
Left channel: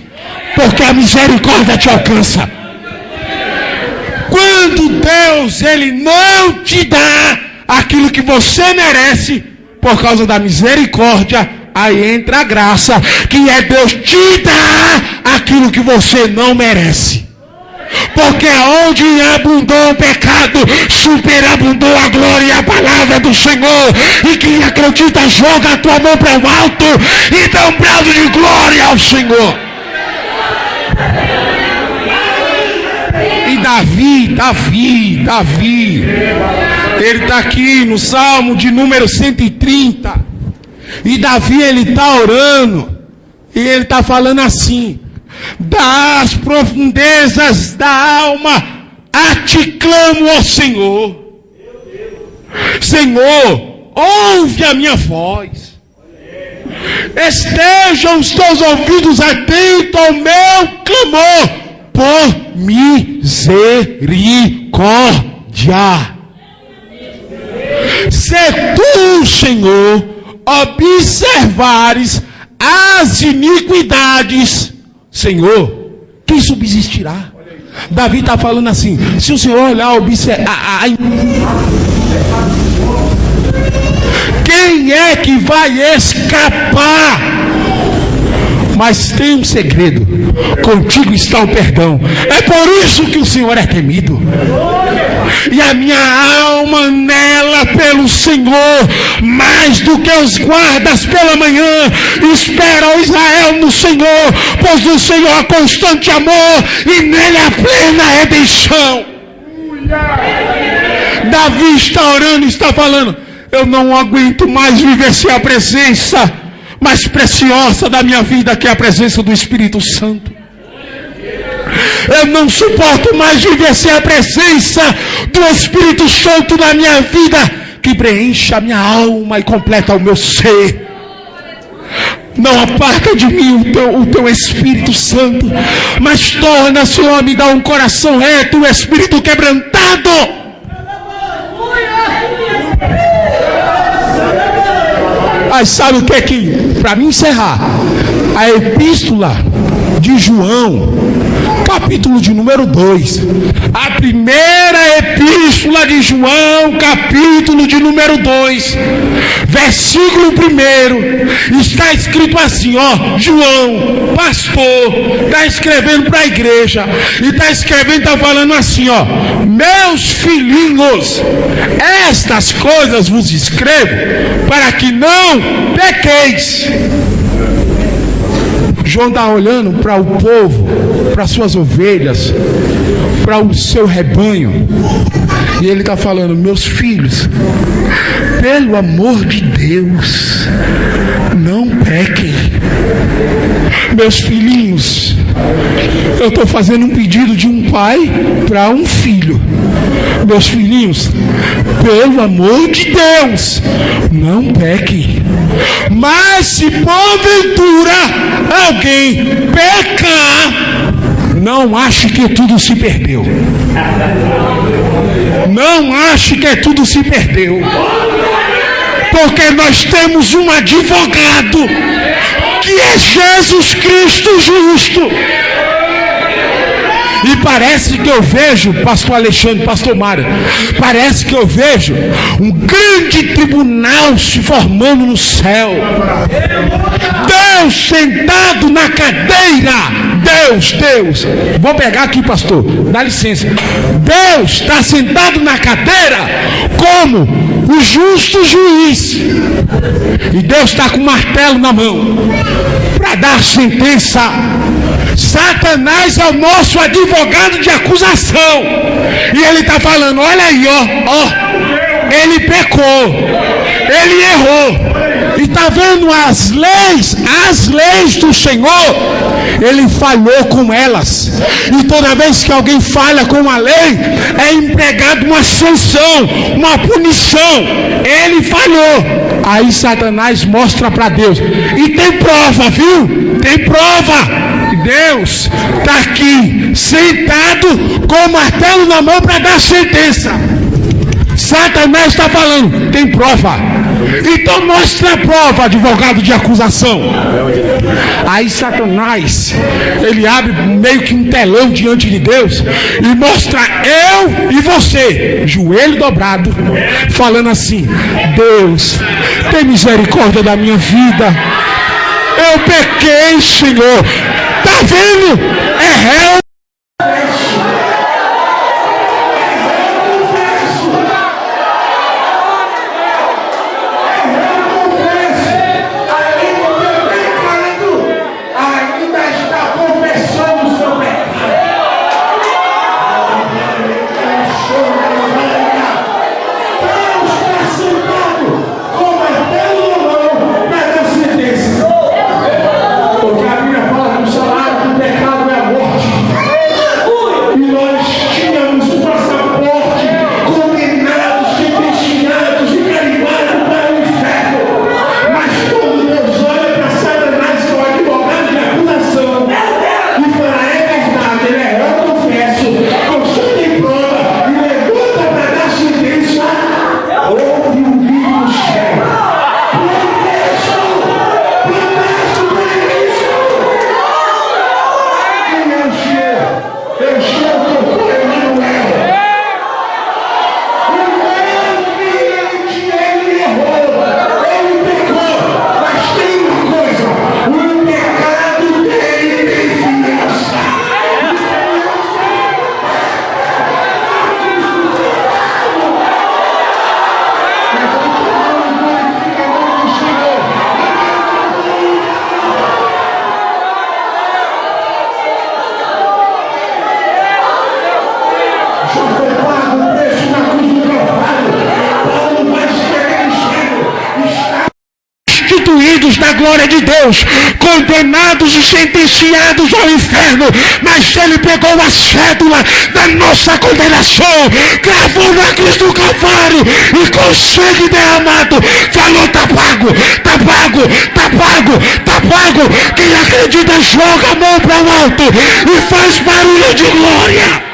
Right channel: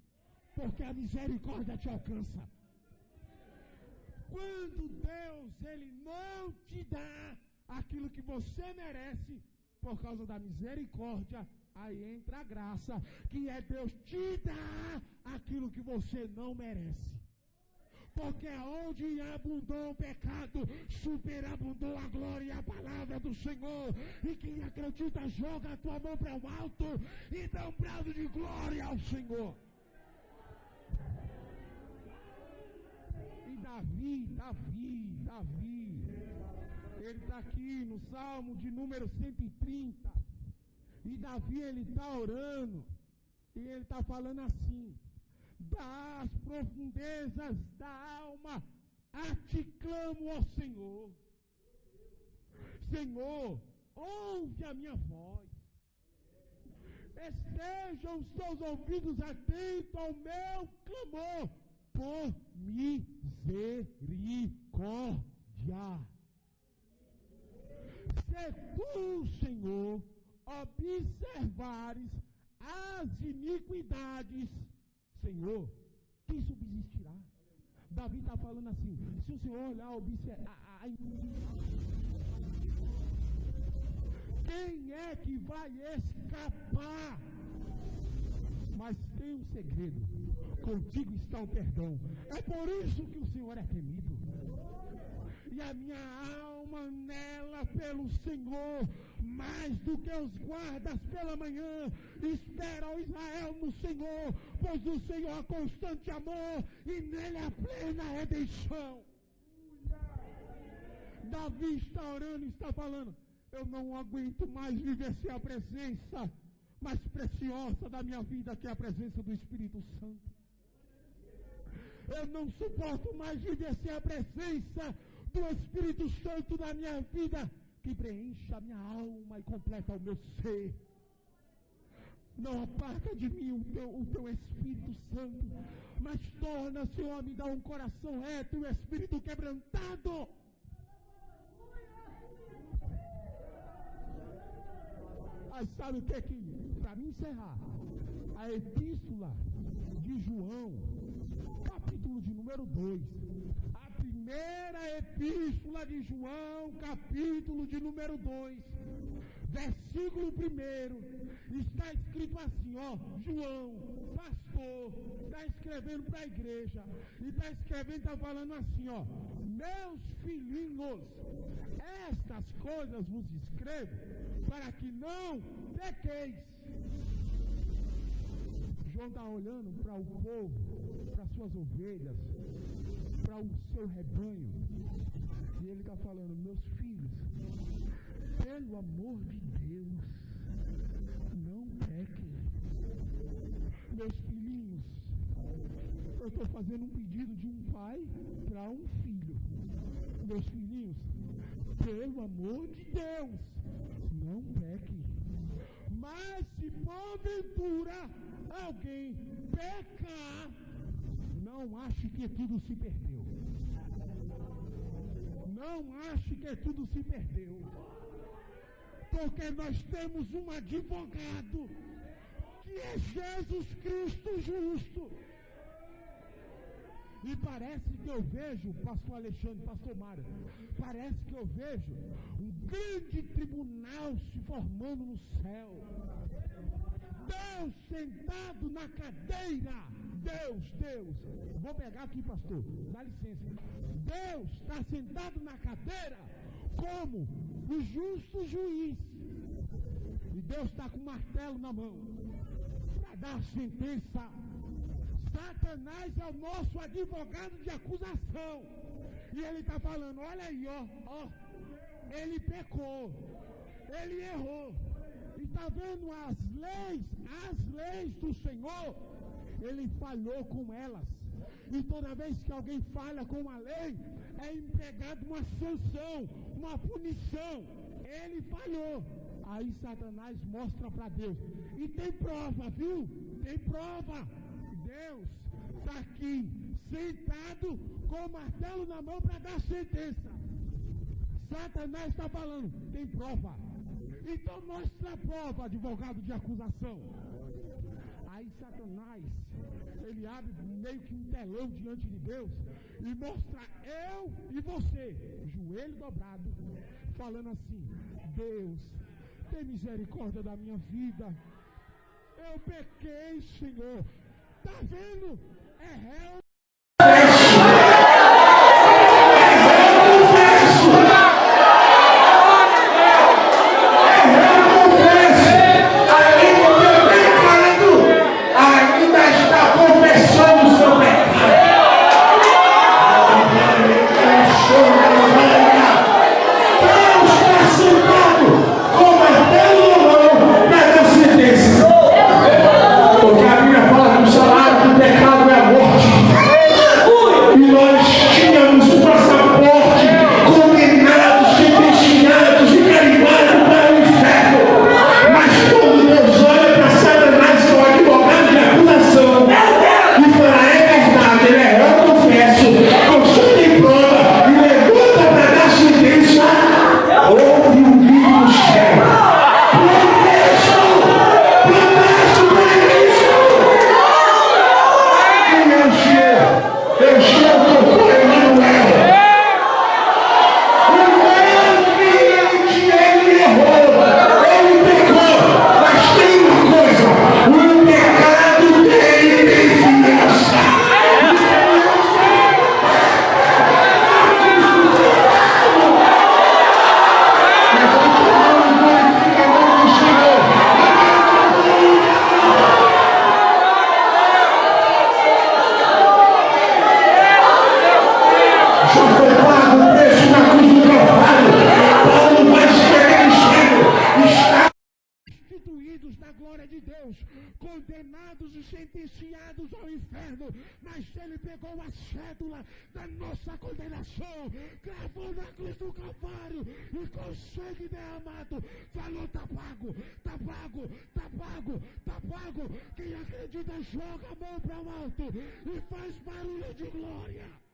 porque a misericórdia te alcança. Quando Deus, Ele não te dá aquilo que você merece, por causa da misericórdia, aí entra a graça, que é Deus te dar aquilo que você não merece. Porque onde abundou o pecado, superabundou a glória e a palavra do Senhor. E quem acredita, joga a tua mão para o alto e dá um brado de glória ao Senhor. E Davi, ele está aqui no Salmo de número 130. E Davi, ele está orando, e ele está falando assim: das profundezas da alma a ti clamo, ó Senhor. Senhor, ouve a minha voz. Estejam os teus ouvidos atentos ao meu clamor por misericórdia. Se tu, Senhor, observares as iniquidades, Senhor, quem subsistirá? Davi está falando assim: se o Senhor olhar, quem é que vai escapar? Mas tem um segredo: contigo está o perdão. É por isso que o Senhor é temido. E a minha alma anela pelo Senhor, mais do que os guardas pela manhã. Espera, ó Israel, no Senhor, pois no Senhor há constante amor e nele há plena redenção. Davi está orando e está falando: eu não aguento mais viver sem a presença mais preciosa da minha vida, que é a presença do Espírito Santo. Eu não suporto mais viver sem a presença do Espírito Santo na minha vida, que preenche a minha alma e completa o meu ser. Não aparta de mim o teu Espírito Santo, mas torna, Senhor, me dá um coração reto, um espírito quebrantado. Mas sabe o que é que, para mim encerrar, a epístola de João, capítulo de número 2. A primeira epístola de João, capítulo de número 2, versículo 1, está escrito assim, ó, João, pastor, está escrevendo para a igreja, e está escrevendo, está falando assim, ó, meus filhinhos, estas coisas vos escrevo, para que não pequeis. João está olhando para o povo, para suas ovelhas, para o seu rebanho, e ele está falando, meus filhos, pelo amor de Deus, não pequem. Meus filhinhos, eu estou fazendo um pedido de um pai para um filho. Meus filhinhos, pelo amor de Deus, não pequem. Mas se porventura alguém pecar, não ache que tudo se perdeu. Não ache que tudo se perdeu. Porque nós temos um advogado, que é Jesus Cristo justo. E parece que eu vejo, pastor Alexandre, pastor Mário, parece que eu vejo um grande tribunal se formando no céu. Deus sentado na cadeira. Deus, vou pegar aqui, pastor, dá licença. Deus está sentado na cadeira como o justo juiz. E Deus está com o martelo na mão para dar sentença. Satanás é o nosso advogado de acusação. E ele está falando, olha aí, ó, ele pecou, ele errou. E está vendo as leis do Senhor, ele falhou com elas. E toda vez que alguém falha com a lei, é empregado uma sanção, uma punição. Ele falhou. Aí Satanás mostra para Deus. E tem prova, viu? Tem prova. Deus está aqui sentado com o martelo na mão para dar sentença. Satanás está falando, tem prova. Então mostra a prova, advogado de acusação. Aí Satanás, ele abre meio que um telão diante de Deus e mostra eu e você, joelho dobrado, falando assim, Deus, tem misericórdia da minha vida. Eu pequei, Senhor. Tá vendo? É réu. Glória de Deus, condenados e sentenciados ao inferno, mas ele pegou a cédula da nossa condenação, gravou na cruz do Calvário e com sangue derramado falou, tá pago, tá pago, tá pago, tá pago. Quem acredita joga a mão para o alto e faz barulho de glória.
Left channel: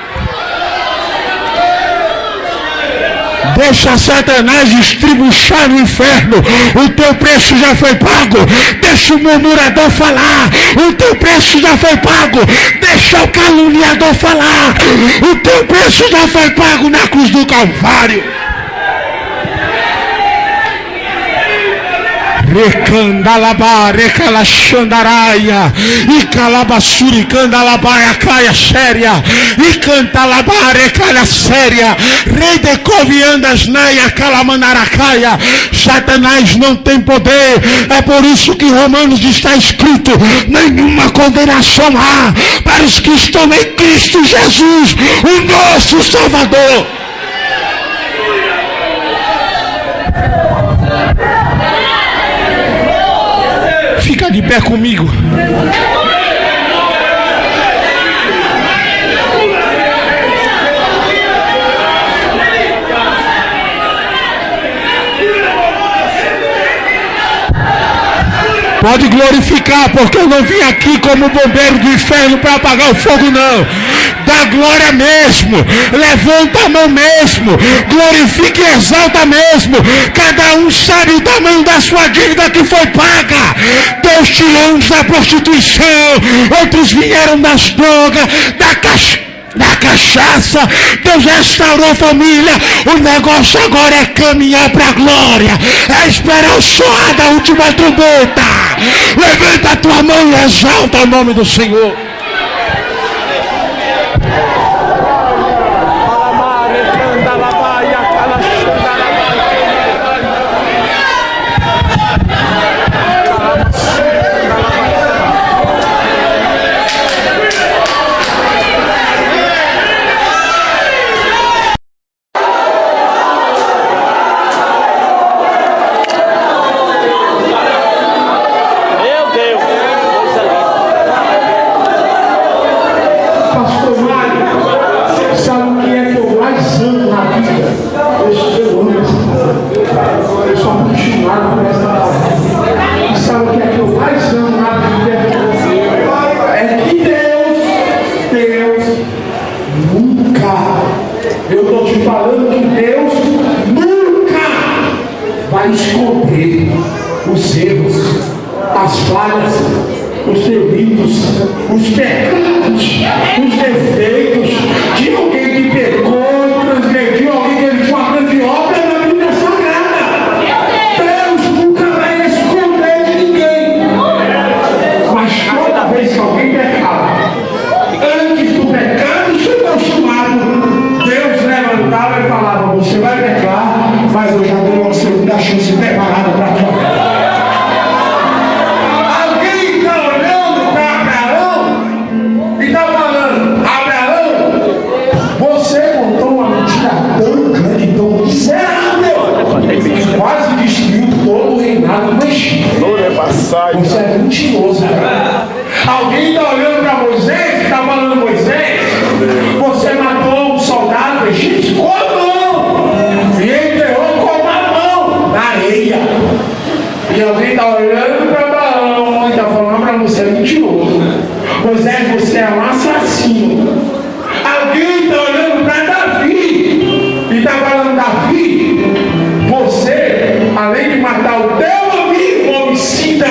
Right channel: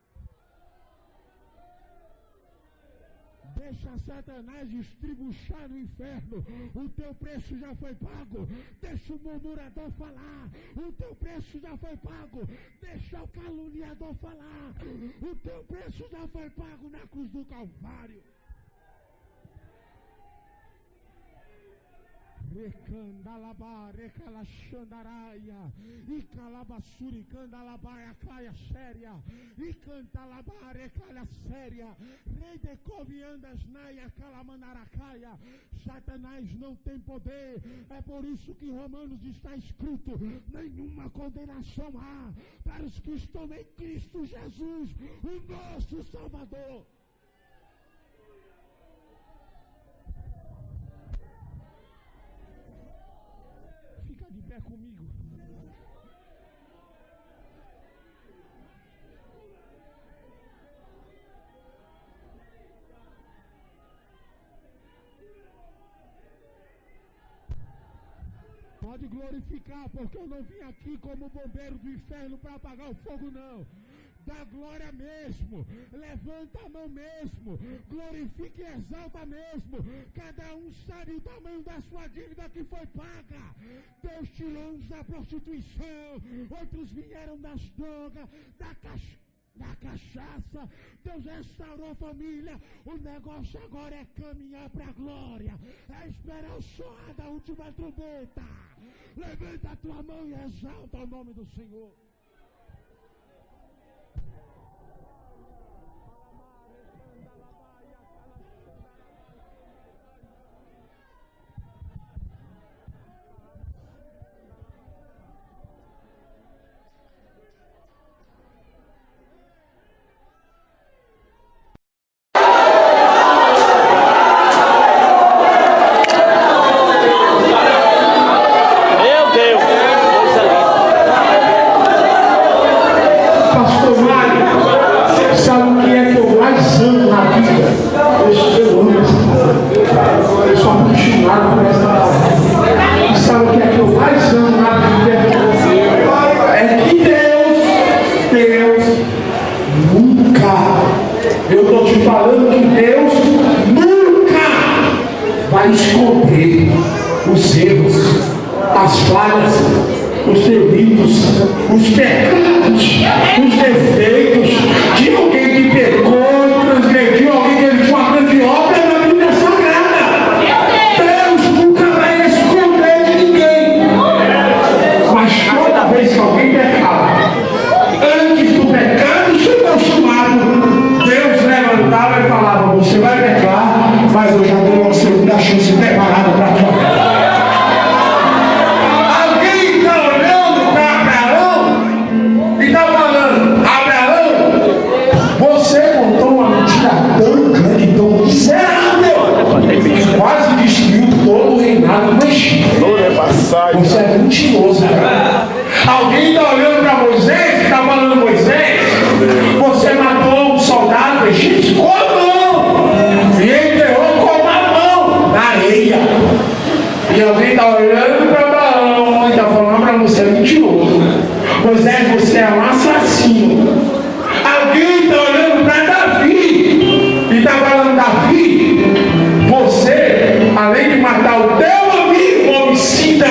Deixa Satanás estribuchar no inferno. O teu preço já foi pago. Deixa o murmurador falar. O teu preço já foi pago. Deixa o caluniador falar. O teu preço já foi pago na cruz do Calvário. Recandalabá, recalaxandaraia, e calabassuricandalabaia, caia séria, e cantalabá, recalha séria, rei de coviandas, naia, calamanaracaia. Satanás não tem poder. É por isso que em Romanos está escrito: nenhuma condenação há para os que estão em Cristo Jesus, o nosso Salvador. Fica de pé comigo. Pode glorificar, porque eu não vim aqui como bombeiro do inferno para apagar o fogo, não. Dá glória mesmo, levanta a mão mesmo, glorifica e exalta mesmo. Cada um sabe o tamanho da sua dívida que foi paga. Deus tirou uns da prostituição, outros vieram das drogas, da cachaça. Deus restaurou a família. O negócio agora é caminhar para a glória, é esperar o soar da última trombeta. Levanta a tua mão e exalta o nome do Senhor. Esconder os erros, as falhas, os delitos, os pecados, os defeitos de alguém que pecou e transgrediu, alguém que ele tinha uma grande obra na Bíblia Sagrada. Deus nunca vai esconder de ninguém. Mas toda vez que alguém pecava, antes do pecado ser consumado, Deus levantava e falava: você vai pecar, mas eu já dei uma segunda chance preparada para a tua vida. Alguém está olhando para Abraão e está falando: Abraão, você contou uma mentira tão grande, tão miserável, quase destruiu todo o reinado do Egito. Você é mentiroso, cara. Alguém está olhando para Moisés e está falando: Moisés, você matou um soldado egípcio com a mão e enterrou com a mão na areia. E alguém está olhando para Abraão e está falando para você: é mentiroso. Moisés, você é um assassino. Alguém está olhando para Davi e está falando: Davi, você, além de matar o teu amigo homicida,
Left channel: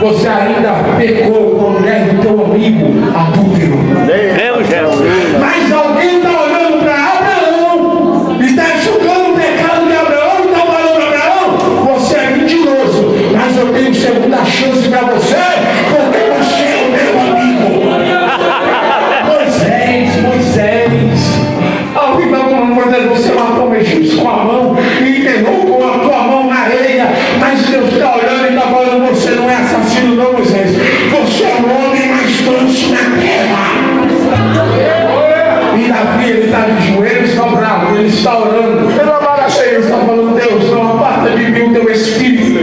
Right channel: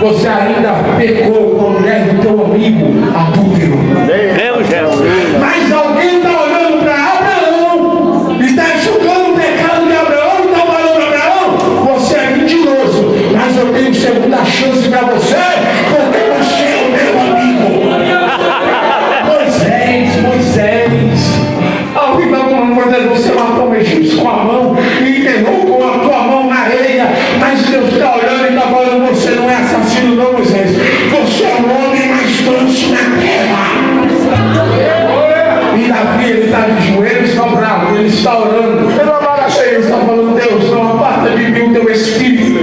você ainda pecou com a mulher do teu amigo adúltero. Mas alguém está olhando para Abraão e está julgando o pecado de Abraão e está falando para Abraão: você é mentiroso, mas eu tenho segunda chance para você, porque você é o meu amigo. Moisés, alguém está falando: Moisés, você matou um egípcio com a mão e enterrou com a tua mão na areia, mas Deus está olhando e está falando: você não é assassino não, Moisés, você é o homem mais manso na terra. E Davi, ele está de joelhos, está bravo, ele está orando, ele está falando: Deus, não aparta de mim o teu espírito,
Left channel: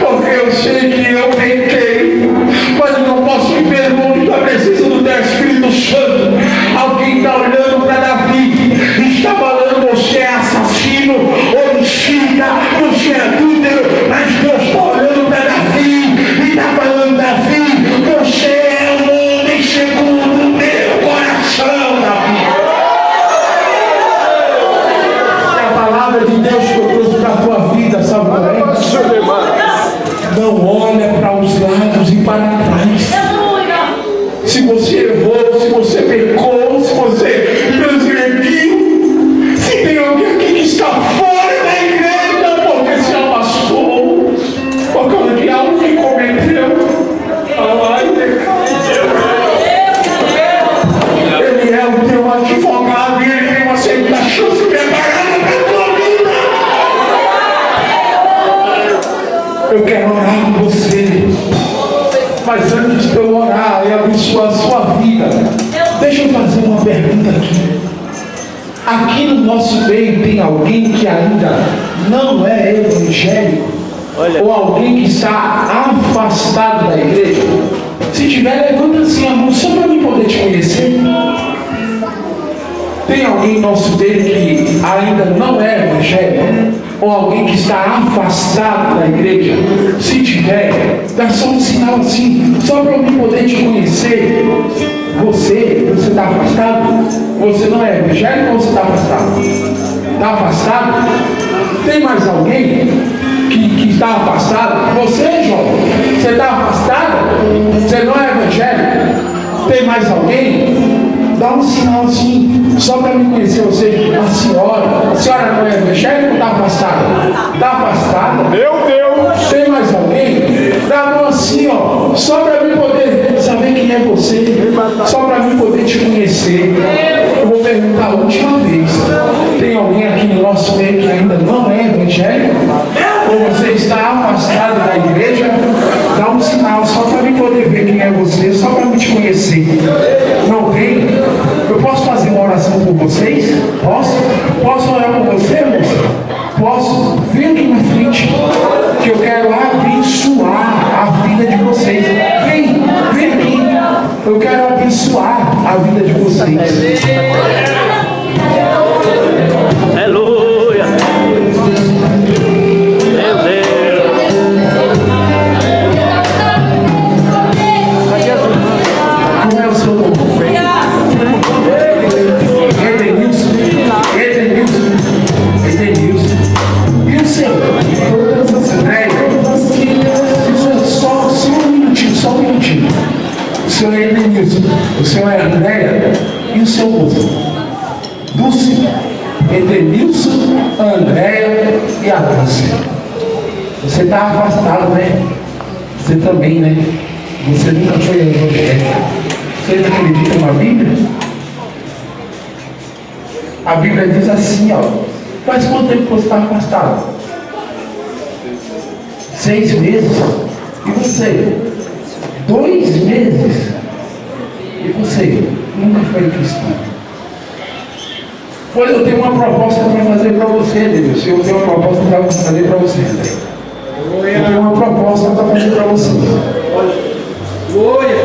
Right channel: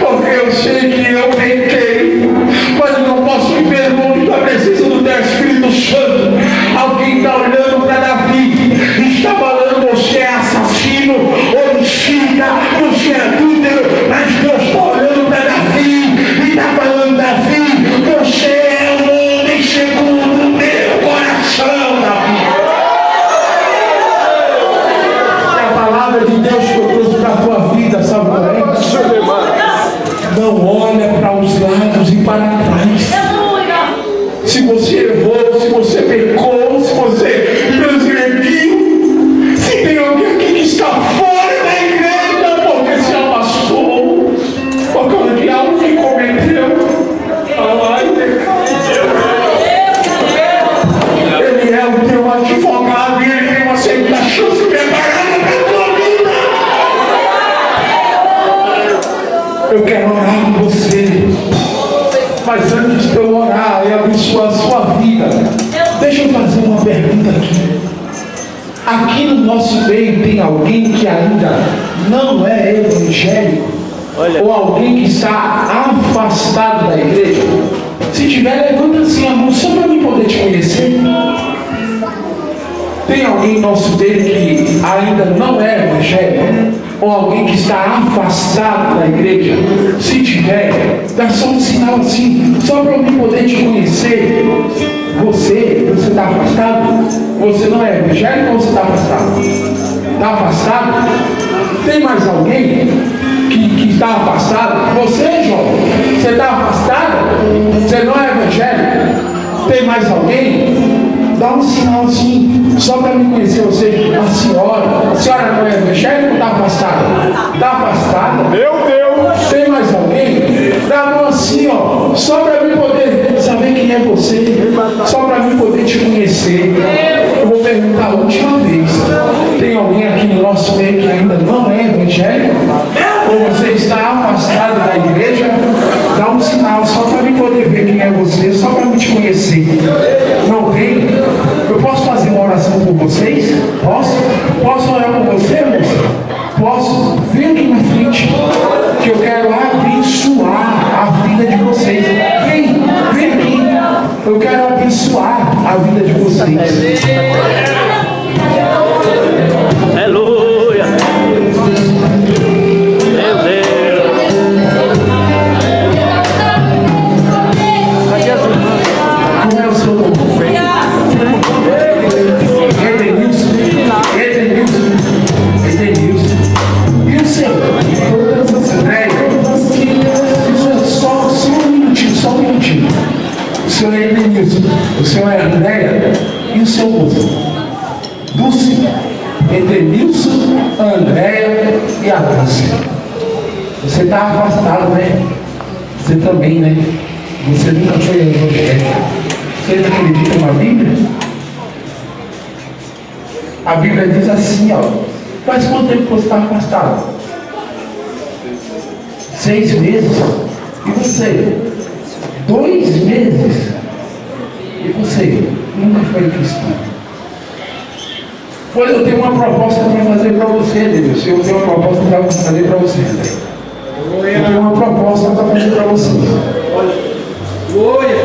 porque eu sei que eu pequei, mas eu não posso viver longe da presença do teu Espírito Santo. Alguém está olhando para Davi e está falando: você é assassino, homicida, você é adúltero, mas Deus está olhando para Davi e está falando: Davi, você é um homem segundo o meu coração, Davi. Está Mas antes de eu orar e abençoar a sua vida, deixa eu fazer uma pergunta aqui. Aqui no nosso meio tem alguém que ainda não é evangélico? Ou alguém que está afastado da igreja? Se tiver, levanta assim a mão só para mim poder te conhecer. Tem alguém no nosso meio que ainda não é evangélico? Ou alguém que está afastado da igreja? Se tiver, dá só um sinal assim, só para eu poder te conhecer. Você está afastado? Você não é evangélico ou você está afastado? Está afastado? Tem mais alguém que está afastado? Você, João, você está afastado? Você não é evangélico? Tem mais alguém? Dá um sinal assim, só para me conhecer você. A senhora não é evangélica ou está afastada? Está afastada? Meu Deus! Tem mais alguém? Dá a mão assim, ó, só para mim poder saber quem é você, só para mim poder te conhecer. Eu vou perguntar a última vez: tem alguém aqui no nosso meio que ainda não é evangélico? Ou você está afastado da igreja? Dá um sinal só para mim poder ver quem é você, só para me te conhecer. Não tem? Eu posso fazer uma oração por vocês? Posso? Posso orar por você, moça? Posso? Vem aqui na frente, que eu quero abençoar a vida de vocês. Vem aqui. Eu quero abençoar a vida de vocês. Aleluia. Meu Deus. Como é o seu nome? Edenilson. E o seu? André? Só um minutinho. O senhor é Edenilson. O senhor é Andréia. E o seu moço? Dulce. Edenilson, Andréia e a Dulce. Você está afastado, né? Você também, né? Você nunca foi evangélico. Você acredita na Bíblia? A Bíblia diz assim, ó. Faz quanto tempo você está afastado? 6 meses. E você? 2 meses. E você? Nunca foi cristão. Pois eu tenho uma proposta para fazer para você, Deus. Eu tenho uma proposta para fazer para você, André. Eu tenho uma proposta para fazer para você.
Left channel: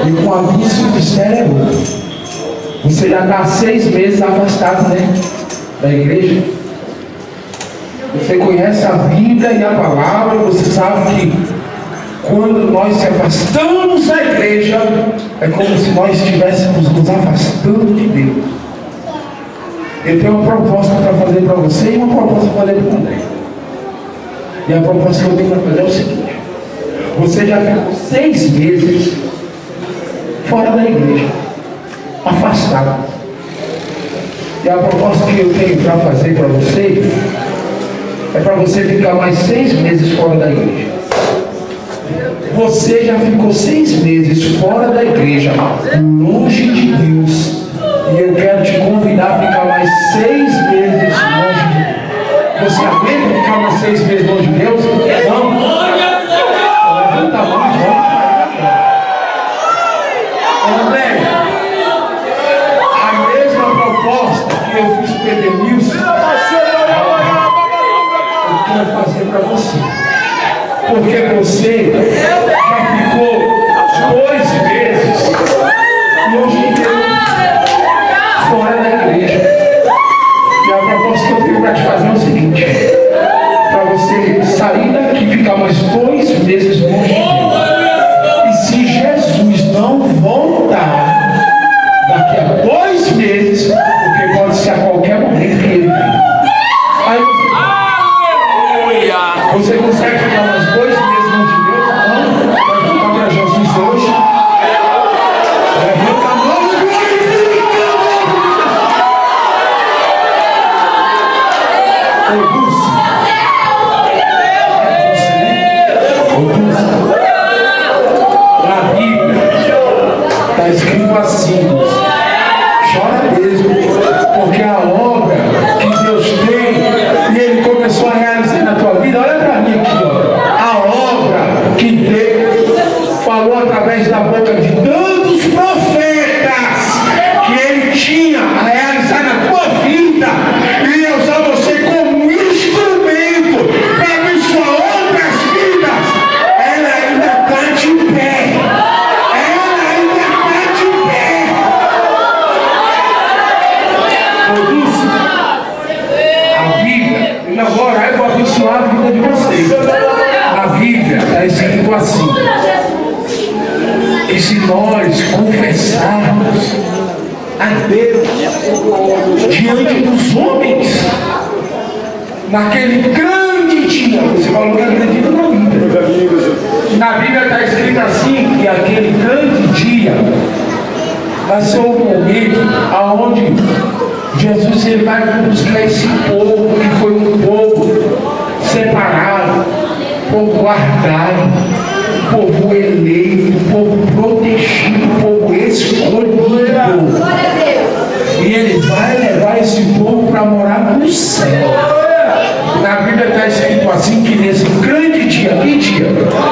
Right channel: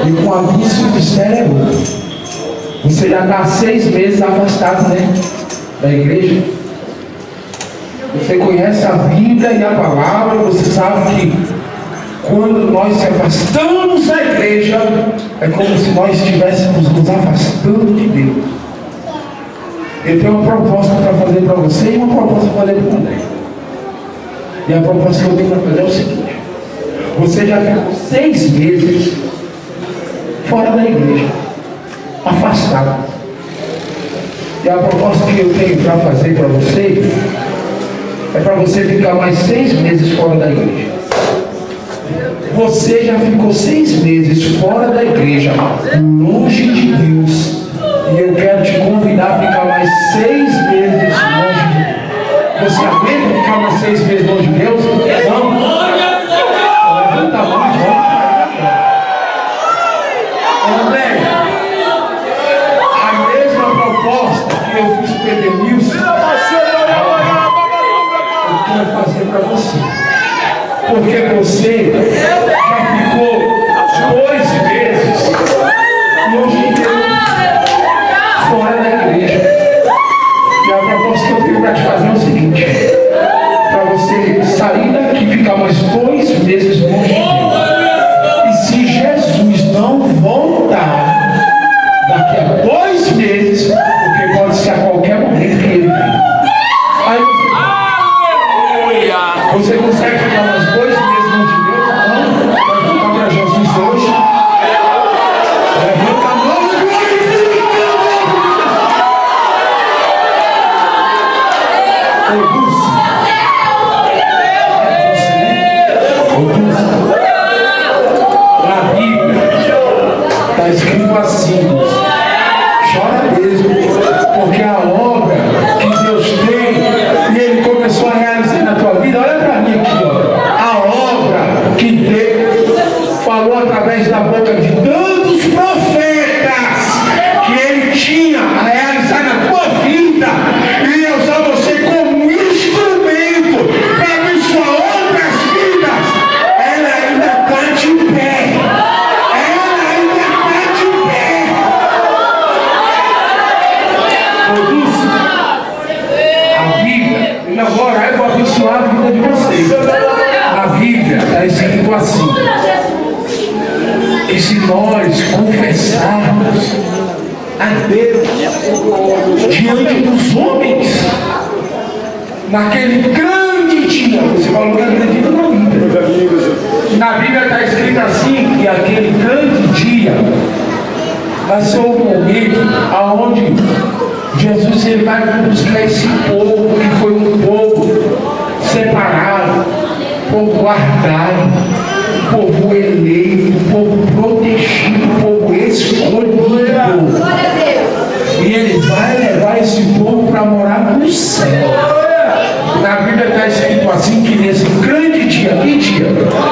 E com aviso do céu, você já está 6 meses afastado, né? Da igreja. Você conhece a Bíblia e a palavra, você sabe que quando nós se afastamos da igreja, é como se nós estivéssemos nos afastando de Deus. Eu tenho uma proposta para fazer para você e uma proposta para fazer para o André. E a proposta que eu tenho para fazer é o seguinte: você já ficou 6 meses fora da igreja, afastado. E a proposta que eu tenho para fazer para você é para você ficar mais 6 meses fora da igreja. Você já ficou 6 meses fora da igreja, longe de Deus. E eu quero te convidar a ficar mais 6 meses longe de Deus. Você aguenta ficar mais 6 meses longe de Deus? Não? Levanta a mão, André, a mesma proposta que eu fiz para o Edenilson, eu quero fazer para você. Porque você já ficou 2 meses longe de Deus, fora da igreja. E a proposta que eu tenho para te fazer é o seguinte: para você sair daqui e ficar mais 2 meses longe de Deus. E se Jesus não voltar daqui a 2 meses, porque pode ser a qualquer momento que ele vem, aí você consegue ficar mais 2 meses longe de Deus? Não? Vai voltar para Jesus hoje? Levanta a mão e glorifica. Ô Dulce, na Bíblia está escrito assim: chora mesmo, porque a obra que Deus tem e Ele começou a realizar na tua vida. Olha para mim aqui, ó. A obra que Deus falou através da Na Bíblia está escrito assim: que se nós confessarmos a Deus diante dos homens, naquele grande dia, você falou que acredita na Bíblia. Na Bíblia está escrito assim, que aquele grande dia vai ser o momento aonde Jesus ele vai buscar esse povo que foi um povo separado, povo guardado, povo eleito, povo protegido, povo escolhido. E ele vai levar esse povo para morar no céu. Na Bíblia está escrito assim, que nesse grande dia, que dia?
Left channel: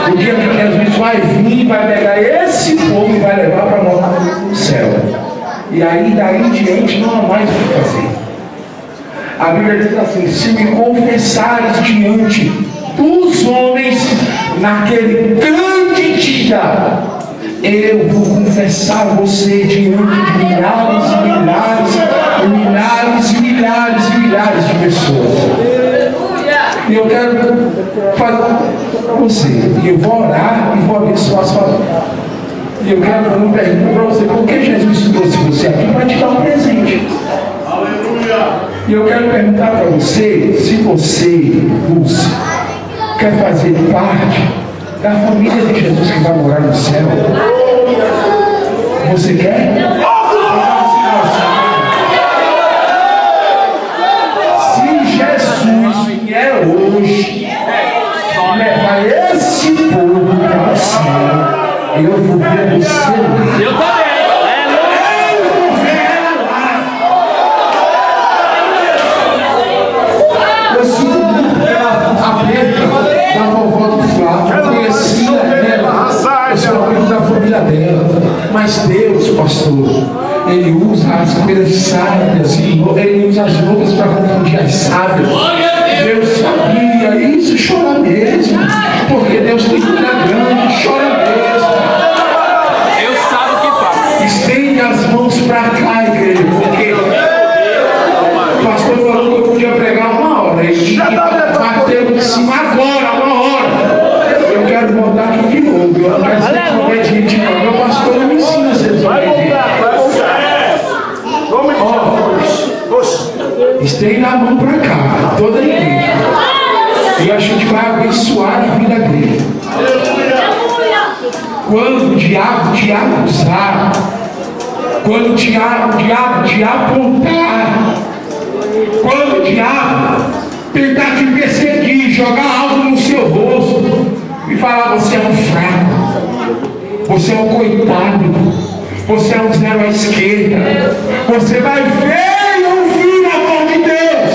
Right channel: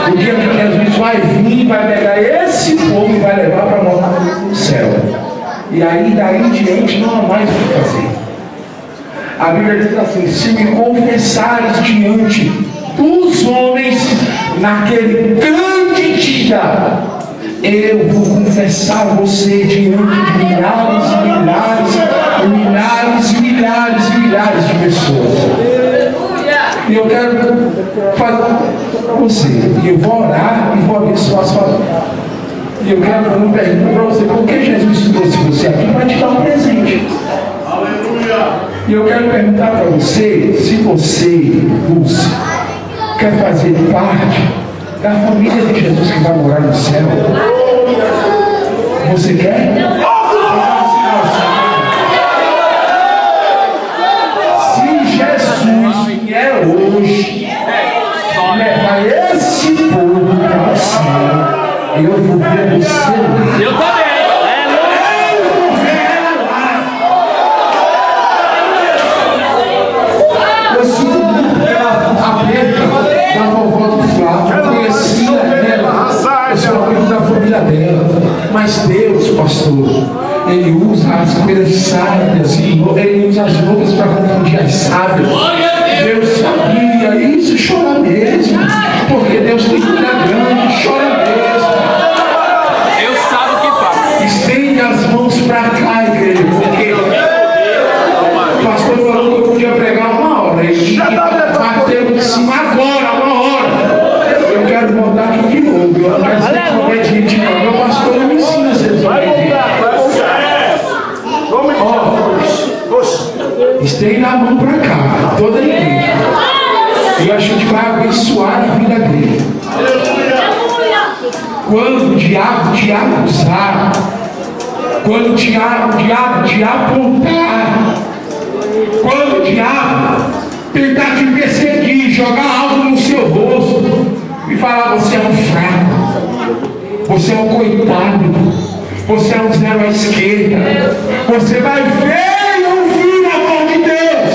O dia que Jesus vai vir, vai pegar esse povo e vai levar para morar no céu. E aí, daí em diante, não há mais o que fazer. A Bíblia diz assim: se me confessares diante dos homens, naquele grande dia, eu vou confessar você diante de milhares e milhares e milhares e milhares e milhares de pessoas. E eu quero fazer você, e eu vou orar e vou abençoar a sua vida. E eu quero fazer uma pergunta para você: por que Jesus trouxe você aqui para te dar um presente? E eu quero perguntar para você se você, Lúcia, quer fazer parte da família de Jesus que vai morar no céu. Você quer? Se Jesus vier hoje levar esse povo para o céu, eu vou ver você. Eu também. Eu sinto muito pela perda da vovó do Flávio. Eu conhecia ela, eu sou amigo da família dela. Mas Deus, pastor, Ele usa as coisas sábias e Ele usa as loucas para confundir as sábias. Deus sabia isso, chora mesmo, porque Deus tem cura grande, chora mesmo. Deus sabe o que faz. Estende as mãos para cá, igreja, porque o pastor falou que eu podia pregar uma hora e bateu em cima agora, uma hora. Eu quero voltar aqui de novo. Eu não quero ser desobediente, não. Meu pastor não me ensina a ser desobediente. Estende a mão para cá, toda a igreja. E a gente vai abençoar a vida dele. Quando o diabo te acusar, quando o diabo te apontar, quando o diabo tentar te perseguir, jogar algo no seu rosto e falar: você é um fraco, você é um coitado, você é um zero à esquerda, você vai ver e ouvir a voz de Deus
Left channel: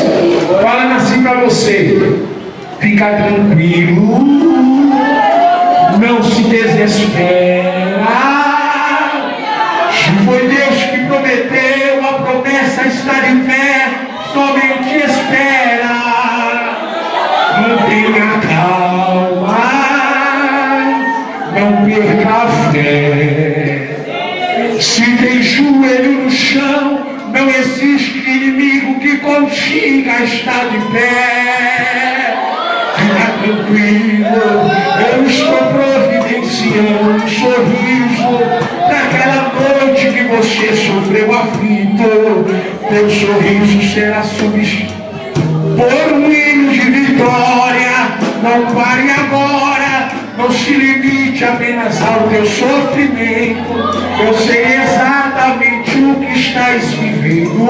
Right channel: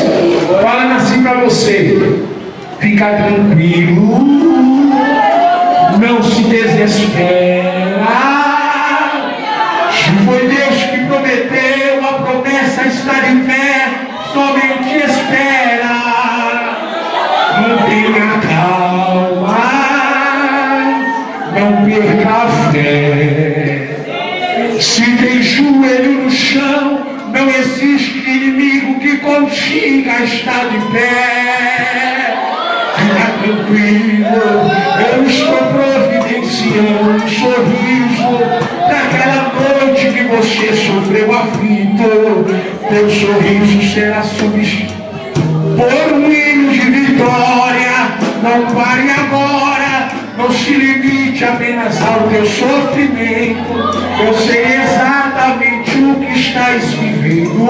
falando assim para você: fica tranquilo, não se desespera. Se foi Deus que prometeu, a promessa está de pé, somente espera. Mantenha calma, não perca a fé. Se tem joelho no chão, não existe inimigo que consiga estar de pé. Fica tranquilo, eu estou providenciando um sorriso naquela noite que você sofreu aflito. Teu sorriso será substituído por um hino de vitória. Não pare agora, não se limite apenas ao teu sofrimento. Eu sei exatamente o que estás vivendo.